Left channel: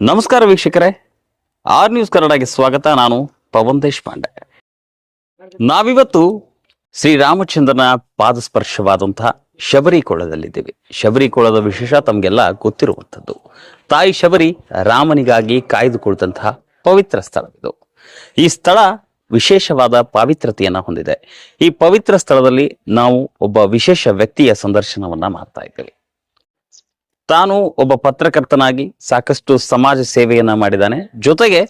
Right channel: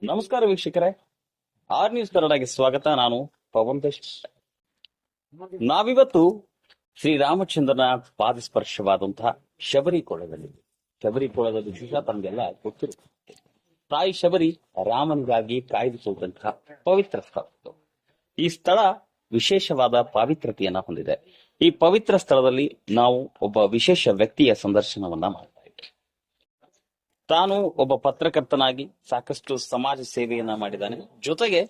ನಮಸ್ಕಾರ ವೀಕ್ಷಕರೇ, R news ಕನ್ನಡಗೆ ಸ್ವಾಗತ. ನಾನು ಪವನ್ ದೇಶಪಾಂಡೆ. ನಾವಿವತ್ತು ಶ್ರೀರಾಮಚಂದ್ರನ ಪಾದಸ್ಪರ್ಶವಾದಂತಹ ಶಬರಿಕೊಳದಲ್ಲಿದ್ದೇವೆ. ಶಬರಿಕೊಳದ ವಿಶೇಷ ತಮಗೆಲ್ಲ ಗೊತ್ತಿರುವಂಥದ್ದು. ತಾಯಿ ಶಬರಿ ರಾಮನಿಗಾಗಿ ಕಾಯ್ದುಕೊಳ್ತಂತಹ ಪವಿತ್ರ ಸ್ಥಳ ಇದು. ಈ ಸ್ಥಳ ವಿಶೇಷವಾದ ಪಾವಿತ್ರತೆಯನ್ನ ಹೊಂದಿದೆ. ಈ ಪವಿತ್ರ ಸ್ಥಳದಲ್ಲಿ ನಾವು ಒಬ್ಬ ವಿಶೇಷ ವ್ಯಕ್ತಿಯ ಸಂದರ್ಶನವನ್ನ ಮಾಡ್ತಾ ಇದ್ದೇವೆ. ತಾನು ಒಬ್ಬ ಪತ್ರಕರ್ತನಾಗಿ ಸಾಕಷ್ಟು ಸಮಾಜ ಸೇವೆಯನ್ನ ಮಾಡಿದ್ದಾನೆ. ಜೊತೆಗೆ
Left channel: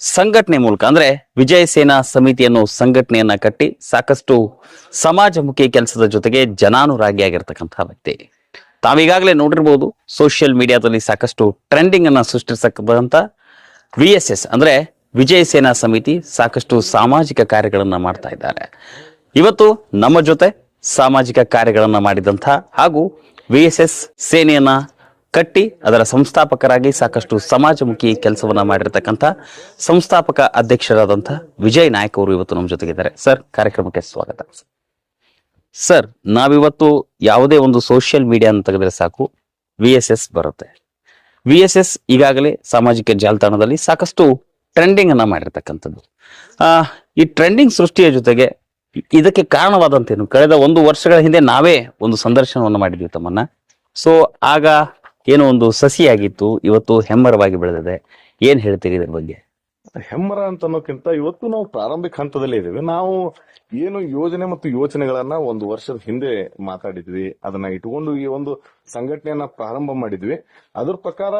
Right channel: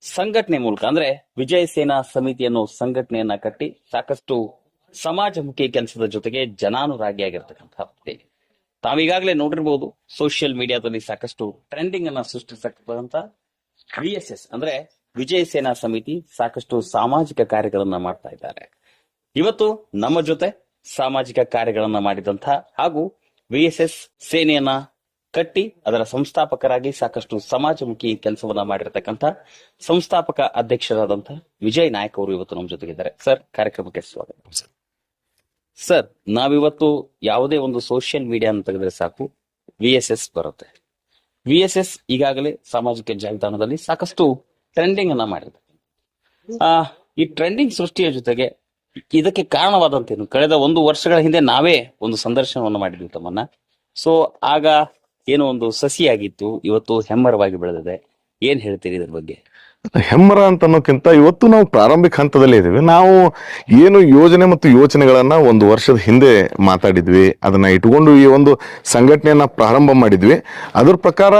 ಸಂಘಟನೆ ಮೂಲಕ ಅಂದ್ರೆ ವಿಜಯ ಸೇನಾ ಸಮಿತಿ ಅನ್ನೋ ಸಂಘಟನೆಯನ್ನ ಕಟ್ಟಿ ಸಾಕಷ್ಟು ಸಮಾಜಮುಖಿ ಕೆಲಸದ ಜೊತೆಗೆ ಜನಾನುರಾಗಿಯಾಗಿರ್ತಕ್ಕಂತಹ ವ್ಯಕ್ತಿ. ತಾವೀಗಾಗಲೇ ನೋಡಿರ್ಬೋದು, ಸೋಷಿಯಲ್ ಮೀಡಿಯಾದಲ್ಲಿ ಸಾಕಷ್ಟು ಟ್ರೆಂಡಿಂಗ್ ಅನ್ನ ಸೃಷ್ಟಿಸತಕ್ಕಂತ VSS ಅಂದ್ರೆ ವಿಜಯ ಸೇನಾ ಸಮಿತಿ ಸಾಕಷ್ಟು ಸಾಮಾಜಿಕ ಕಾರ್ಯಗಳನ್ನ ಮಾಡ್ತಾ ಇದ್ದಾರೆ. ಇವತ್ತು ನಮ್ಮ ಜೊತೆ ಸಾಮಾಜಿಕ ಕಾರ್ಯಗಳನ್ನ ಮಾಡಿದಂಥ ಹಾಗೂ VSS ಸೇನೆಯನ್ನ ಕಟ್ಟಿ ಅದರ ಸಂಸ್ಥಾಪಕರಾಗಿ ಸಾಕಷ್ಟು ಸಮಾಜಮುಖಿ ಕೆಲಸವನ್ನ ಮಾಡಿರ್ತಕ್ಕಂಥ ಸಂಸ್ಥಾಪಕ ಅಧ್ಯಕ್ಷರಾದಂಥ ವಿಜಯ್ ನಾಯಕ್ ಅವರು ಇವತ್ತು ನಮ್ಮ ಜೊತೆಗಿದ್ದಾರೆ. ಸರ್, ಕಾರ್ಯಕ್ರಮಕ್ಕೆ ಸ್ವಾಗತ. ಸರ್, ನಾವಿವತ್ತು ಯಾವುದೇ ಒಂದು ಸೋಷಿಯಲ್ ಮೀಡಿಯಾ ಅಂತ ತೆಗೆದ್ರೆ ಸಾಕು VSS ಬರುತ್ತೆ. VSS ಈಗಾಗಲೇ ಸಾಮಾಜಿಕ ಜಾಲತಾಣದಲ್ಲಿ ಸಾಕಷ್ಟು ಟ್ರೆಂಡಿಂಗ್ ಅನ್ನ ಮಾಡಿರ್ತಕ್ಕಂಥದ್ದು. ಈ ಟ್ರೆಂಡಿಂಗ್ ಸೃಷ್ಟಿಯ ಜೊತೆಗೆ ಇದಕ್ಕೆ ಕಾರಣವಾದಂತೇನು? ಕಳೆದ 1 ವರ್ಷಗಳ ಹಿಂದೆ ನಾವೇ ಒಂದು ಸಂದರ್ಶನವನ್ನು ಮಾಡಿದ್ವಿ ತಮ್ಮನ್ನ. ಸೊ ಆಗ ಏನೋ ಒಂದು ಸಸಿಯಾಗಿತ್ತು, ಇವತ್ತು ಹೆಮ್ಮರವಾಗಿ ಬೆಳೆದಿದೆ. ಏನ್ ಹೇಳ್ತೀರಿ ಇದ್ರ ಬಗ್ಗೆ? ಹೆಮ್ಮರ ಅಂತ ಅನ್ನೋಕ್ಕಿಂತ ಇವತ್ತು ನಾವು ಪ್ರಾರಂಭಿಕ ಹಂತದಲ್ಲಿ ಇದ್ದೀವಿ. ನಾವು ಏನು ಯೋಜನೆ ಮತ್ತು ಯೋಚನೆಗಳನ್ನ 1 ವರ್ಷದ ಹಿಂದೆ ಮಾತಾಡಿದ್ವಿ, ಅದನ್ನ ಇಟ್ಕೊಂಡು ಈ ಒಂದು ಸಂಘಟನೆಯನ್ನ ಪ್ರಾರಂಭ ಮಾಡಿದ್ವಿ. ಅದ್ರ ಪ್ರಕಾರ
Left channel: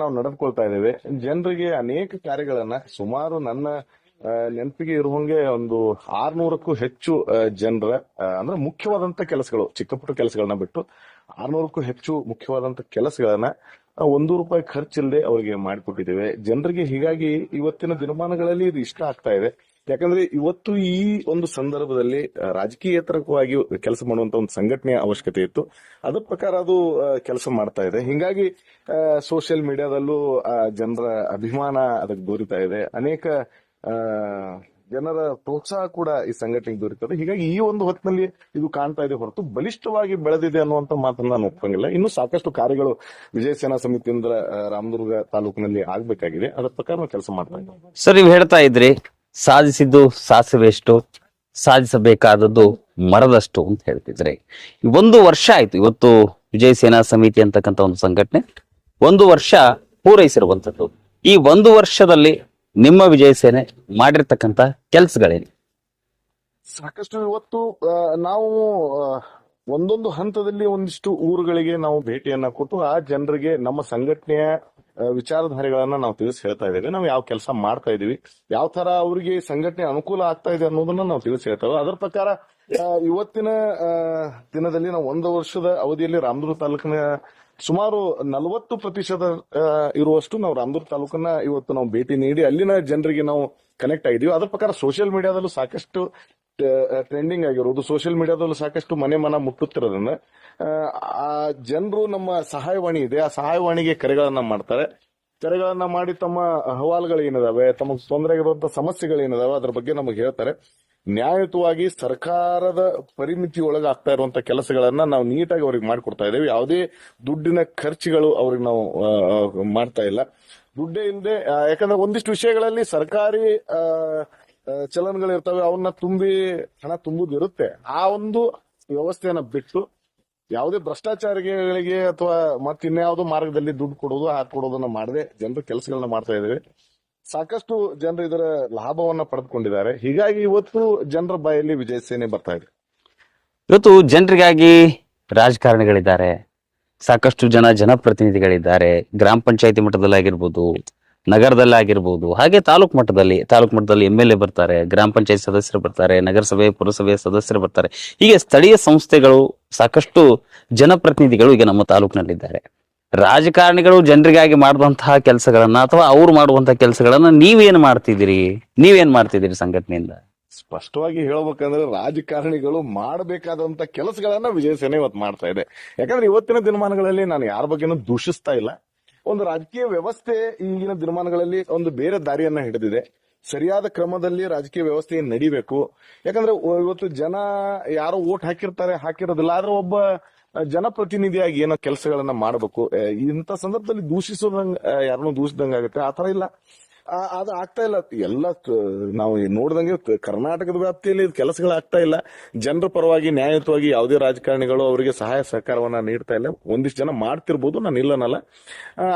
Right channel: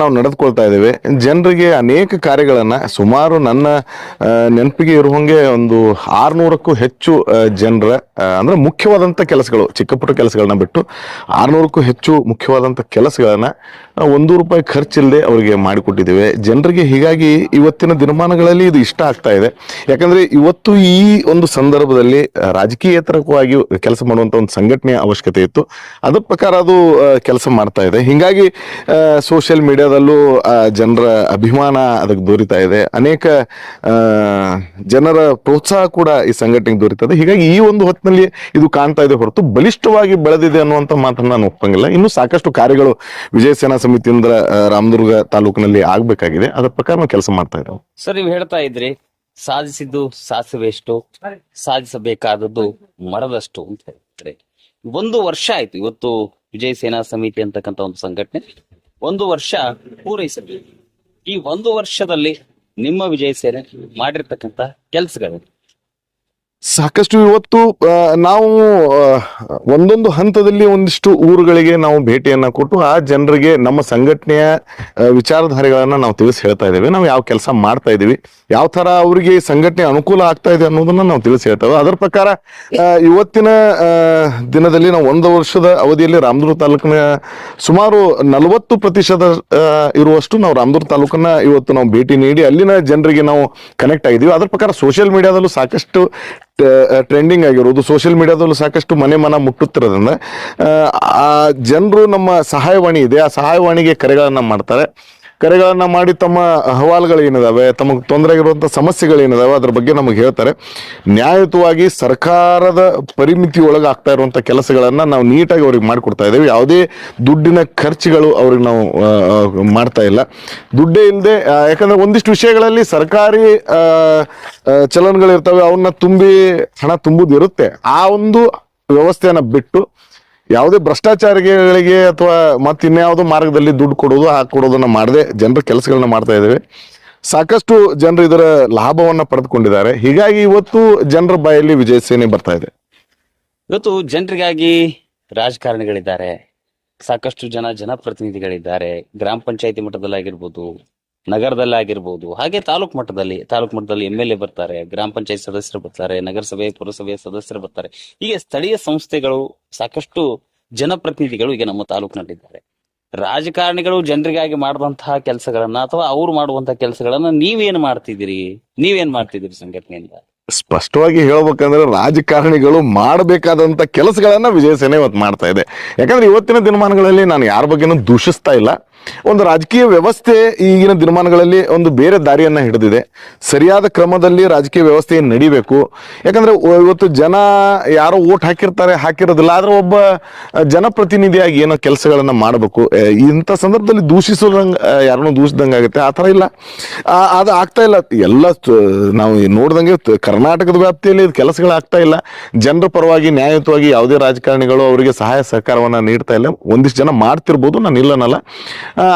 ನಾವು ನಡೆದುಕೊಳ್ತಾ ಇದ್ದೇವೆ. ಜನರಿಗೆ ಅನೇಕ ಕಾರ್ಯಗಳನ್ನ, ಸುಮಾರು ನನ್ನ ನೆನಪಿಗೆ ಇರುವಂಗೆ ಒಂದು 600ಕ್ಕೂ ಹೆಚ್ಚು ಜನರ ಅಂದ್ರೆ ಮುಖ್ಯವಾದಂತ ಕೆಲಸಗಳು, ಚಿಕ್ಕ ಪುಟ್ಟ ಕೆಲಸಗಳನ್ನ ಬಿಟ್ಟು 600ಕ್ಕೂ ಹೆಚ್ಚು ಮುಖ್ಯವಾದಂತ ಕೆಲಸಗಳನ್ನ ₹1 ಖರ್ಚಿಲ್ಲದೆ ಅವರಿಗೆ ಮಾಡಿಕೊಟ್ಟಿದ್ದೇವೆ ಜನರಿಗೆ. ಹೀಗಾಗಿ ಇವತ್ತಿನ ದಿನಮಾನಗಳಲ್ಲಿ ಇದು ಇಷ್ಟ ಆಗ್ತಾ ಇದೆ. ಯಾಕಂದ್ರೆ ಇವತ್ತು ಈ ಒಂದು ಸಂದರ್ಭದಲ್ಲಿ ರಾಜಕೀಯೇತರವಾಗಿ ಕೆಲಸ ಮಾಡುವಂತ ಒಂದು ಸಂಘಟನೆಯ ಅವಶ್ಯಕತೆ ಇತ್ತು. ಅದ್ರ ಪ್ರಕಾರ ಅದು ಕೆಲಸ ಮಾಡ್ತಾ ಇದೆ. ಹೀಗಾಗಿ ಸೋಷಿಯಲ್ ಮೀಡಿಯಾದಲ್ಲೂ ಜನರ ಅಭಿಮಾನ ಅದಕ್ಕೆ ದೊರೀತಾ ಇದೆ. ಅನೇಕ ಜನರ ಪ್ರೋತ್ಸಾಹ ಕೂಡ ಈ ಸಂಘಟನೆಗೆ ದೊರೀತದೆ. ಹೀಗಾಗಿ ಈ ಒಂದು ಹೊತ್ತಿನಲ್ಲಿ ಇದು ಕಾಣ್ತಾ ಇದೆ ಹೊರತು ಬಲಿಷ್ಠವಾಗಿ ಬೆಳೆದಿದೆ ಅನ್ನುವಂತ ಮಾತನ್ನ ನಾನು ಒಪ್ಪಂಗಿಲ್ಲ. ಇನ್ನು ಸಾಕಷ್ಟು ಕಾರ್ಯಗಳು ವಿಜಯ ಸೇನಾ ಸಮಿತಿಯಿಂದ ರಾಮದುರ್ಗ ತಾಲೂಕಿನಲ್ಲಿ ಆಗ್ಬೇಕಾಗಿದೆ. ಅದರ ಪ್ರಕಾರ ನಾವು ಕೆಲಸ ಮಾಡ್ತಾ ಇದ್ದೇವೆ. ಸರ್, ನೀವು ಹೇಳ್ತಾ ಇದ್ರಿ ಸಾಧಿಸಿದ್ದು ಸಾಸಿವೆಷ್ಟು, ಸಾಧಿಸಬೇಕಾದದ್ದು ಮರದಷ್ಟು ಅಂತ ಹೇಳ್ತಿದ್ರಿ. 1 ವರ್ಷ ಆಯ್ತು ಇವತ್ತು ವಿಜಯ ಸೇನಾ ಸಮಿತಿ ಅಂತಕ್ಕಂಥ ಒಂದು ಸಂಘಟನೆ 1 ವರ್ಷ ಪೂರೈಸಿರುವಂತದ್ದು. ಈ 1 ವರ್ಷದಲ್ಲಿ ನಿಮ್ಮ ವಿಜಯ ಸೇನೆ ಮಾಡಿರ್ತಕ್ಕಂಥ ಕೆಲಸಗಳೇನು? ಸಾಕಷ್ಟು ಇವತ್ತು ನಾವು ಒಂದೊಂದು ಹಂತದಲ್ಲಿ ಒಂದಿಷ್ಟು ಊರುಗಳಿಗೆ ನಾವು ಭೇಟಿಯನ್ನ ಕೊಟ್ಟು ಆ ಜನರಿಗೆ ನಮ್ಮ ಸಂಘಟನೆಯ ವಿಚಾರಧಾರೆಗಳನ್ನ ನಾವು ತಿಳಿಸಿ ಹೇಳ್ತಾ ಇದ್ದೇವೆ. ನಾವು ಯಾವ ಕೆಲಸ ಮಾಡ್ತಾ ಇದೀವಿ, ಯಾವ ತರ ಅವರಿಗೆ ಸಂಘಟನೆ ಅನುಕೂಲ ಆಗ್ತಾ ಇದೆ ಅನ್ನೋದನ್ನ ನಾವು ತಿಳಿಸಿ ಹೇಳ್ತೇವೆ. ಅದರ ಪ್ರಕಾರ ಇವತ್ತಿನ ದಿನದಲ್ಲಿ ನಾವು 1 ವರ್ಷದ ಅವಧಿಯಲ್ಲಿ ರಾಮದುರ್ಗ ತಾಲೂಕಿನ ಸುಮಾರು 40% ಇರುವಷ್ಟು ನಾವು ರಾಮದುರ್ಗ ತಾಲೂಕನ್ನ ಇವತ್ತು ನಾವು ಭೇಟಿ ನೀಡಿ ಅಲ್ಲಿನ ಜನರಿಗೆ ನಾವು ಕನೆಕ್ಟ್ ಆಗಿದ್ದೀವಿ. ಅದರ ಪ್ರಕಾರ ಸೋಷಿಯಲ್ ಮೀಡಿಯಾದಲ್ಲೂ ಸಾಕಷ್ಟು ಟ್ರೆಂಡಿಂಗ್ ಆಗಿರೋದು, ಸೋಷಿಯಲ್ ಮೀಡಿಯಾದಲ್ಲೂ ಸಾಕಷ್ಟು ಮನೆ ಮುಟ್ಟುತ್ತಿರೋದ್ರಿಂದ ಆ ಜನರು ನಮ್ಮ ಸಹಾಯವಾಣಿ ಇದೆ, ಆ ಸಹಾಯವಾಣಿಗೆ ಕರೆಗಳನ್ನ ಮಾಡ್ತಾರೆ. ಕರೆಗಳನ್ನ ಮಾಡಿ ತಮ್ಮ ಅಹವಾಲುಗಳೇನಿದಾವೆ, ತಮಗೆ ತೊಂದರೆ ಆಗಿರುವಂಥ ಸಮಸ್ಯೆಗಳೇನಿದಾವೆ ಅದ್ರ ಬಗ್ಗೆ ನಮಗೆ ಹೇಳ್ತಾರೆ. ನ್ಯಾಯಯುತವಾಗಿ ಸರ್ಕಾರದ ಪರಿಮಿತಿ ಒಳಗೆ ಆಗ್ತಾ ಇರುವಂಥ ಕೆಲಸಗಳನ್ನ ನಾವು ನೀಟಾಗಿ ಅವ್ರಿಗೆ ಮಾಡಿಕೊಡ್ತಾ ಇದ್ದೇವೆ. ಯಾವುದೇ ದುಡ್ಡಿನ ಖರ್ಚುಗಳು ಅವ್ರಿಗೆ ನಾವು ಮಾಡ್ತಾ ಇಲ್ಲ. ದುಡ್ಡೇ ಇಲ್ಲದೆ, ಯಾಕಂದ್ರೆ ಒಂದಿಷ್ಟು ವಿಷಯಗಳಲ್ಲಿ ಸರ್ಕಾರಿ ಚಲನ್ಗಳಿರ್ತವೆ, ಅವನ್ನ ಹಣ ತುಂಬುದು ಇರುತ್ತೆ. ಆ ಒಂದು ವ್ಯವಸ್ಥೆಯನ್ನ ಬಿಟ್ಟು ಯಾವುದೇ ಭ್ರಷ್ಟಾಚಾರಿಗಳಿಗೆ ಅಥವಾ ಮತ್ತಿನ್ಯಾವುದೋ ಮಾರ್ಗದಲ್ಲಿ ದುಡ್ಡು ಕೊಡೋದು ಹಾಕೊಡೋದನ್ನ ಮಾಡದೆ ಜನರ ಕೆಲಸಗಳನ್ನ ಮಾಡ್ತಾ ಇದ್ದೇವೆ. ಸಾಕಷ್ಟು ಜನರು ಇದರ ಲಾಭವನ್ನ ಪಡೆದುಕೊಂಡಿದ್ದಾರೆ. ಹೀಗಾಗಿ ಇವತ್ತು ಜನರ ಬಾಯಲ್ಲಿ ವಿಜಯ ಸೇನೆ ಬರ್ತಾ ಇದೆ. ಇವತ್ತು ಜನರಿಗಾಗಿ ರಾಜಕಾರಣಿಗಳಿದ್ದಾರೆ, ಸಾಕಷ್ಟು ಜನಪ್ರತಿನಿಧಿಗಳಿದ್ದಾರೆ. ಗ್ರಾಮ ಪಂಚಾಯತಿ ಮಟ್ಟದಲ್ಲಾಗಿರ್ಬೋದು, ನಗರದಲ್ಲಾಗಿರ್ಬೋದು, ಹಾಗೆ ತಾಲೂಕು ಮಟ್ಟದಲ್ಲಿ MLA ಬರ್ತಾರೆ, ಗ್ರಾಮ ಪಂಚಾಯತ್ ಸದಸ್ಯರು ಬರ್ತಾರೆ, ನಗರಸಭೆ ಪುರಸಭೆಯ ಸದಸ್ಯರು ಬರ್ತಾರೆ. ಹೀಗೆ ಸ್ಥಳೀಯ ಸಂಸ್ಥೆಗಳು, ಸಾಕಷ್ಟು ಜನಪ್ರತಿನಿಧಿಗಳು ಈಗ ನಮ್ಮ ತಾಲೂಕಿನಲ್ಲಿದ್ದಾರೆ. ರಾಜಕಾರಣಿಗಳು ಜನರಿಗಾಗಿ ಮಾಡುವಂತಹ ಕೆಲಸಗಳನ್ನ ಅಥವಾ ಅವ್ರು ಮಾಡುವಂತಹ ಕೆಲಸಗಳನ್ನ ನೀವೇನ್ ಮಾಡ್ತಿದ್ದೀರಿ ಸಂಘಟನೆಯಿಂದ? ಸ್ಪಷ್ಟವಾಗಿ ಹೇಳ್ಬೇಕಂದ್ರೆ ರಾಜಕಾರಣಿಗಳು ಮಾಡಬೇಕಾದಂತ ಕೆಲಸಗಳನ್ನ ವಿಜಯ ಸೇನೆ ಇವತ್ತು ಮಾಡ್ತಾ ಇದೆ. ಯಾಕಂದ್ರೆ ಇವತ್ತಿನ ದಿನಮಾನಗಳಲ್ಲಿ ನಾನು ಯಾರ ಬಗ್ಗೆನೂ ದೂಷಿಸ್ತಾ ಇಲ್ಲ. ಒಂದು ರಾಜಕೀಯ ವ್ಯವಸ್ಥೆ ಈಗಿನ ದಿನಮಾನಗಳಲ್ಲಿ ಒಂದು ಬೇರೆ ದಾರಿಯನ್ನ ಹಿಡಿದಿದೆ. ಸರಿಯಾದ ಕ್ರಮದಲ್ಲಿ ರಾಜಕೀಯ ವ್ಯವಸ್ಥೆ ನಡಿಬೇಕು. ಯಾಕಂದ್ರೆ ಇವತ್ತು ಜನ ಯಾರೋ ಓಟ್ ಹಾಕಿರೋದಿಲ್ಲ, ಆದ್ರೆ ಒಬ್ಬ ಜನಪ್ರತಿನಿಧಿಯಾಗಿ ಏನೋ ಕೆಲಸಗಳನ್ನ ಮಾಡಬೇಕು. ಇಂಥ ಸಂದರ್ಭದಲ್ಲಿ ದೂಷಿಸೋದಂಗ ಯಾರನ್ನೋ ದೂಷಿದಂಗ ಆಗುತ್ತೆ. ಆ ಥರ ಇಲ್ಲ, ಅದು ಆಗ್ತಾ ಇಲ್ಲ. ಎಲ್ಲ ನಾವು ನೋಡ್ದಂಗೆ ಕರ್ನಾಟಕದ ವ್ಯಾಪ್ತಿಯಲ್ಲಿ ಇದು ಕೆಲಸಗಳಾಗ್ತಾ ಇಲ್ಲ. ಜನರ ಪರವಾಗಿ ನ್ಯಾಯಯುತವಾಗಿ ಯಾವುದೇ ರಾಜಕಾರಣಿಗಳು ಅವರಿಗೆ ಸಹಾಯ ಸಹಕಾರವನ್ನ ನೀಡ್ತಾ ಇಲ್ಲ. ಒಂದಿಷ್ಟು ಜನ ಮಾಡ್ತಿರ್ಬೋದು, ನಾನು ಇಲ್ಲನಲ್ಲ,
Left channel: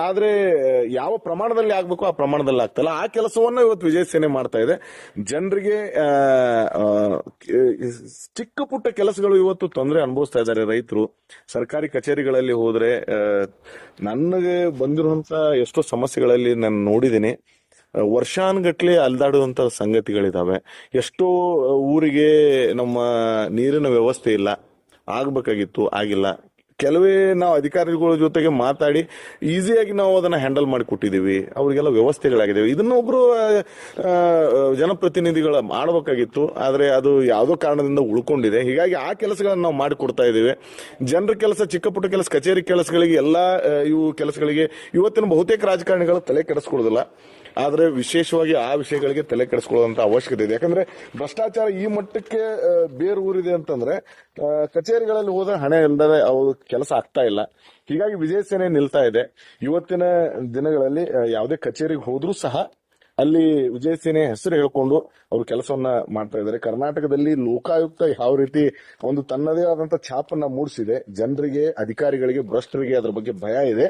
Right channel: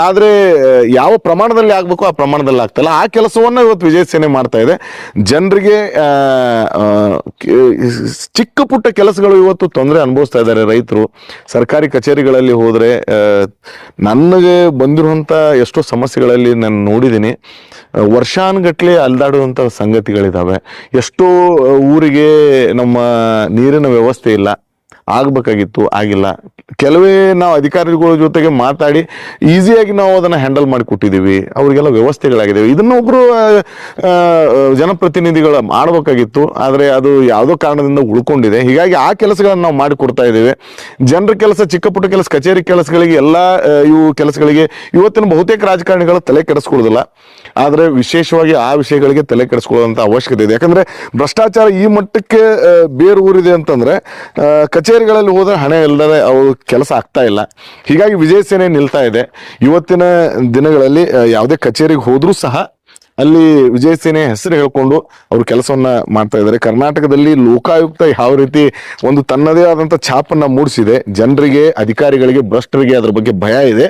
ಆದ್ರೆ ಯಾವ ಪ್ರಮಾಣದಲ್ಲಿ ಆಗ್ಬೇಕು ಆ ಪ್ರಮಾಣದಲ್ಲಿ ಆಗ್ತಾ ಇಲ್ಲ. ಆ ಕೆಲಸವನ್ನ ಇವತ್ತು ವಿಜಯ ಸೇನೆ ಮಾಡ್ತಾ ಇದೆ. ಜನರಿಗೆ ಚಿಕ್ಕ ಪುಟ್ಟ ಕೆಲಸಗಳು ಇವತ್ತು ತೊಂದರೆ ಅನುಭವಿಸ್ತಾ ಇದ್ದಾರೆ ರೈತರು. ಸರ್ಕಾರಿ ಕಚೇರಿಗಳಲ್ಲಿ ಹೋದ್ರೆ ನನಗೆ ಬಂದಿರುವಂತ ಎಷ್ಟೋ ಸಮಸ್ಯೆಗಳಲ್ಲಿ ನಾನು ನೋಡಿದ್ದೀನಿ. ವರ್ಷಾನುಗಟ್ಲೆ ಅಲ್ದಾಡುವಂತ ಸಂಗತಿಗಳಿದಾವೆ. ಎಷ್ಟೋ ಊರಿಗೆ ನಮ್ಮ ನೀರಿನ ವ್ಯವಸ್ಥೆ ಇಲ್ಲ, ಆಗ್ಬೇಕಾಗಿತ್ತು, ಆಗಿಲ್ಲ. ಕೆಲವೇ ನಾವು ಅಧಿಕಾರಿಗಳ ಜೊತೆಗೆ ಮಾತಾಡಿ ಈಸಿಯಾಗಿ ನಾವು ಅದನ್ನ ಹ್ಯಾಂಡಲ್ ಮಾಡಿ ಕೊಟ್ಟಿದ್ದೀವಿ, ಅವ್ರಿಗೆಲ್ಲ ವ್ಯವಸ್ಥೆಗಳಾಗಿದ್ದಾವೆ. ಇದನ್ನ ಒಬ್ರು ಜನಪ್ರತಿನಿಧಿಗಳು ಮಾಡ್ಬೇಕಾಗಿತ್ತು, ಆದ್ರೆ ಅದು ಯಾವುದೋ ಕಾರಣದಿಂದ ಉಳ್ಕೊಂಡಿದೆ. ಹೀಗಾಗಿ ಆ ಕೆಲಸಗಳನ್ನ ನಾವು ಮಾಡಿ ಕೊಡ್ತಾ ಇದ್ದೇವೆ. ಜನರ ಕೆಲಸ, ಚಿಕ್ಕ ಪುಟ್ಟ ಕೆಲಸ, ಕಚೇರಿ ಕೆಲಸಗಳಿಗೆ, ಎಲ್ಲ ಇವು ಕೆಲಸಗಳಿಗೆ ಇವತ್ತಿನ ಬಹುತೇಕ ರಾಜಕಾರಣಿಗಳು ತಲೆ ಕೆಡಿಸ್ಕೊಳ್ಳೋದಿಲ್ಲ. ಆದ್ರೆ ವಿಶೇಷವಾಗಿ ಆ ವಿಷಯಗಳಿಗೆ ತಲೆ ಕೆಡಿಸ್ಕೊಳ್ಳುವಂತ ಅವಶ್ಯಕತೆ ಇದೆ. ಯಾಕಂದ್ರೆ ಭ್ರಷ್ಟಾಚಾರ ಈ ಮಟ್ಟಕ್ಕೆ ಬೇರು ಊರಿದೆ ಅಂತಂದ್ರೆ ಕಚೇರಿಗಳಲ್ಲಿ ಹೋದ್ರೆ ಹಣ ಇಲ್ಲದೆ ಅವ್ರ ಕೆಲಸ ಆಗ್ತಾ ಇಲ್ಲ. ಹೀಗಾಗಿ ವಿಜಯ ಸೇನೆ ನಿಲ್ತಾ ಇದೆ. ಇವತ್ತಿನ ದಿನಗಳಲ್ಲಿ ಯಾವುದೇ ಕಚೇರಿಗೆ ಹೋದ್ರೂ ಸಹ ಅಲ್ಲಿ ವಿಜಯ ಸೇನೆ ಹೆಸರು ಹೇಳ್ಕೊಂಡು ಅವ್ರ ಕೆಲಸವನ್ನ ಮಾಡ್ತಾ ಇದ್ದಾರೆ. ಕರ್ನಾಟಕದಲ್ಲಿ ಲೋಕಾಯುಕ್ತ ಯಾವ ರೀತಿ ಒಂದು ತನ್ನದೇ ಆದಂತ ಛಾಪನ್ನ ಮೂಡಿಸಿದೆ, ಜನರಿಗೆ, ಅಧಿಕಾರಿಗಳಿಗೆ, ಭ್ರಷ್ಟರಿಗೆ ಅದ್ರ ಬಗ್ಗೆ ಭಯ ಇದೆ.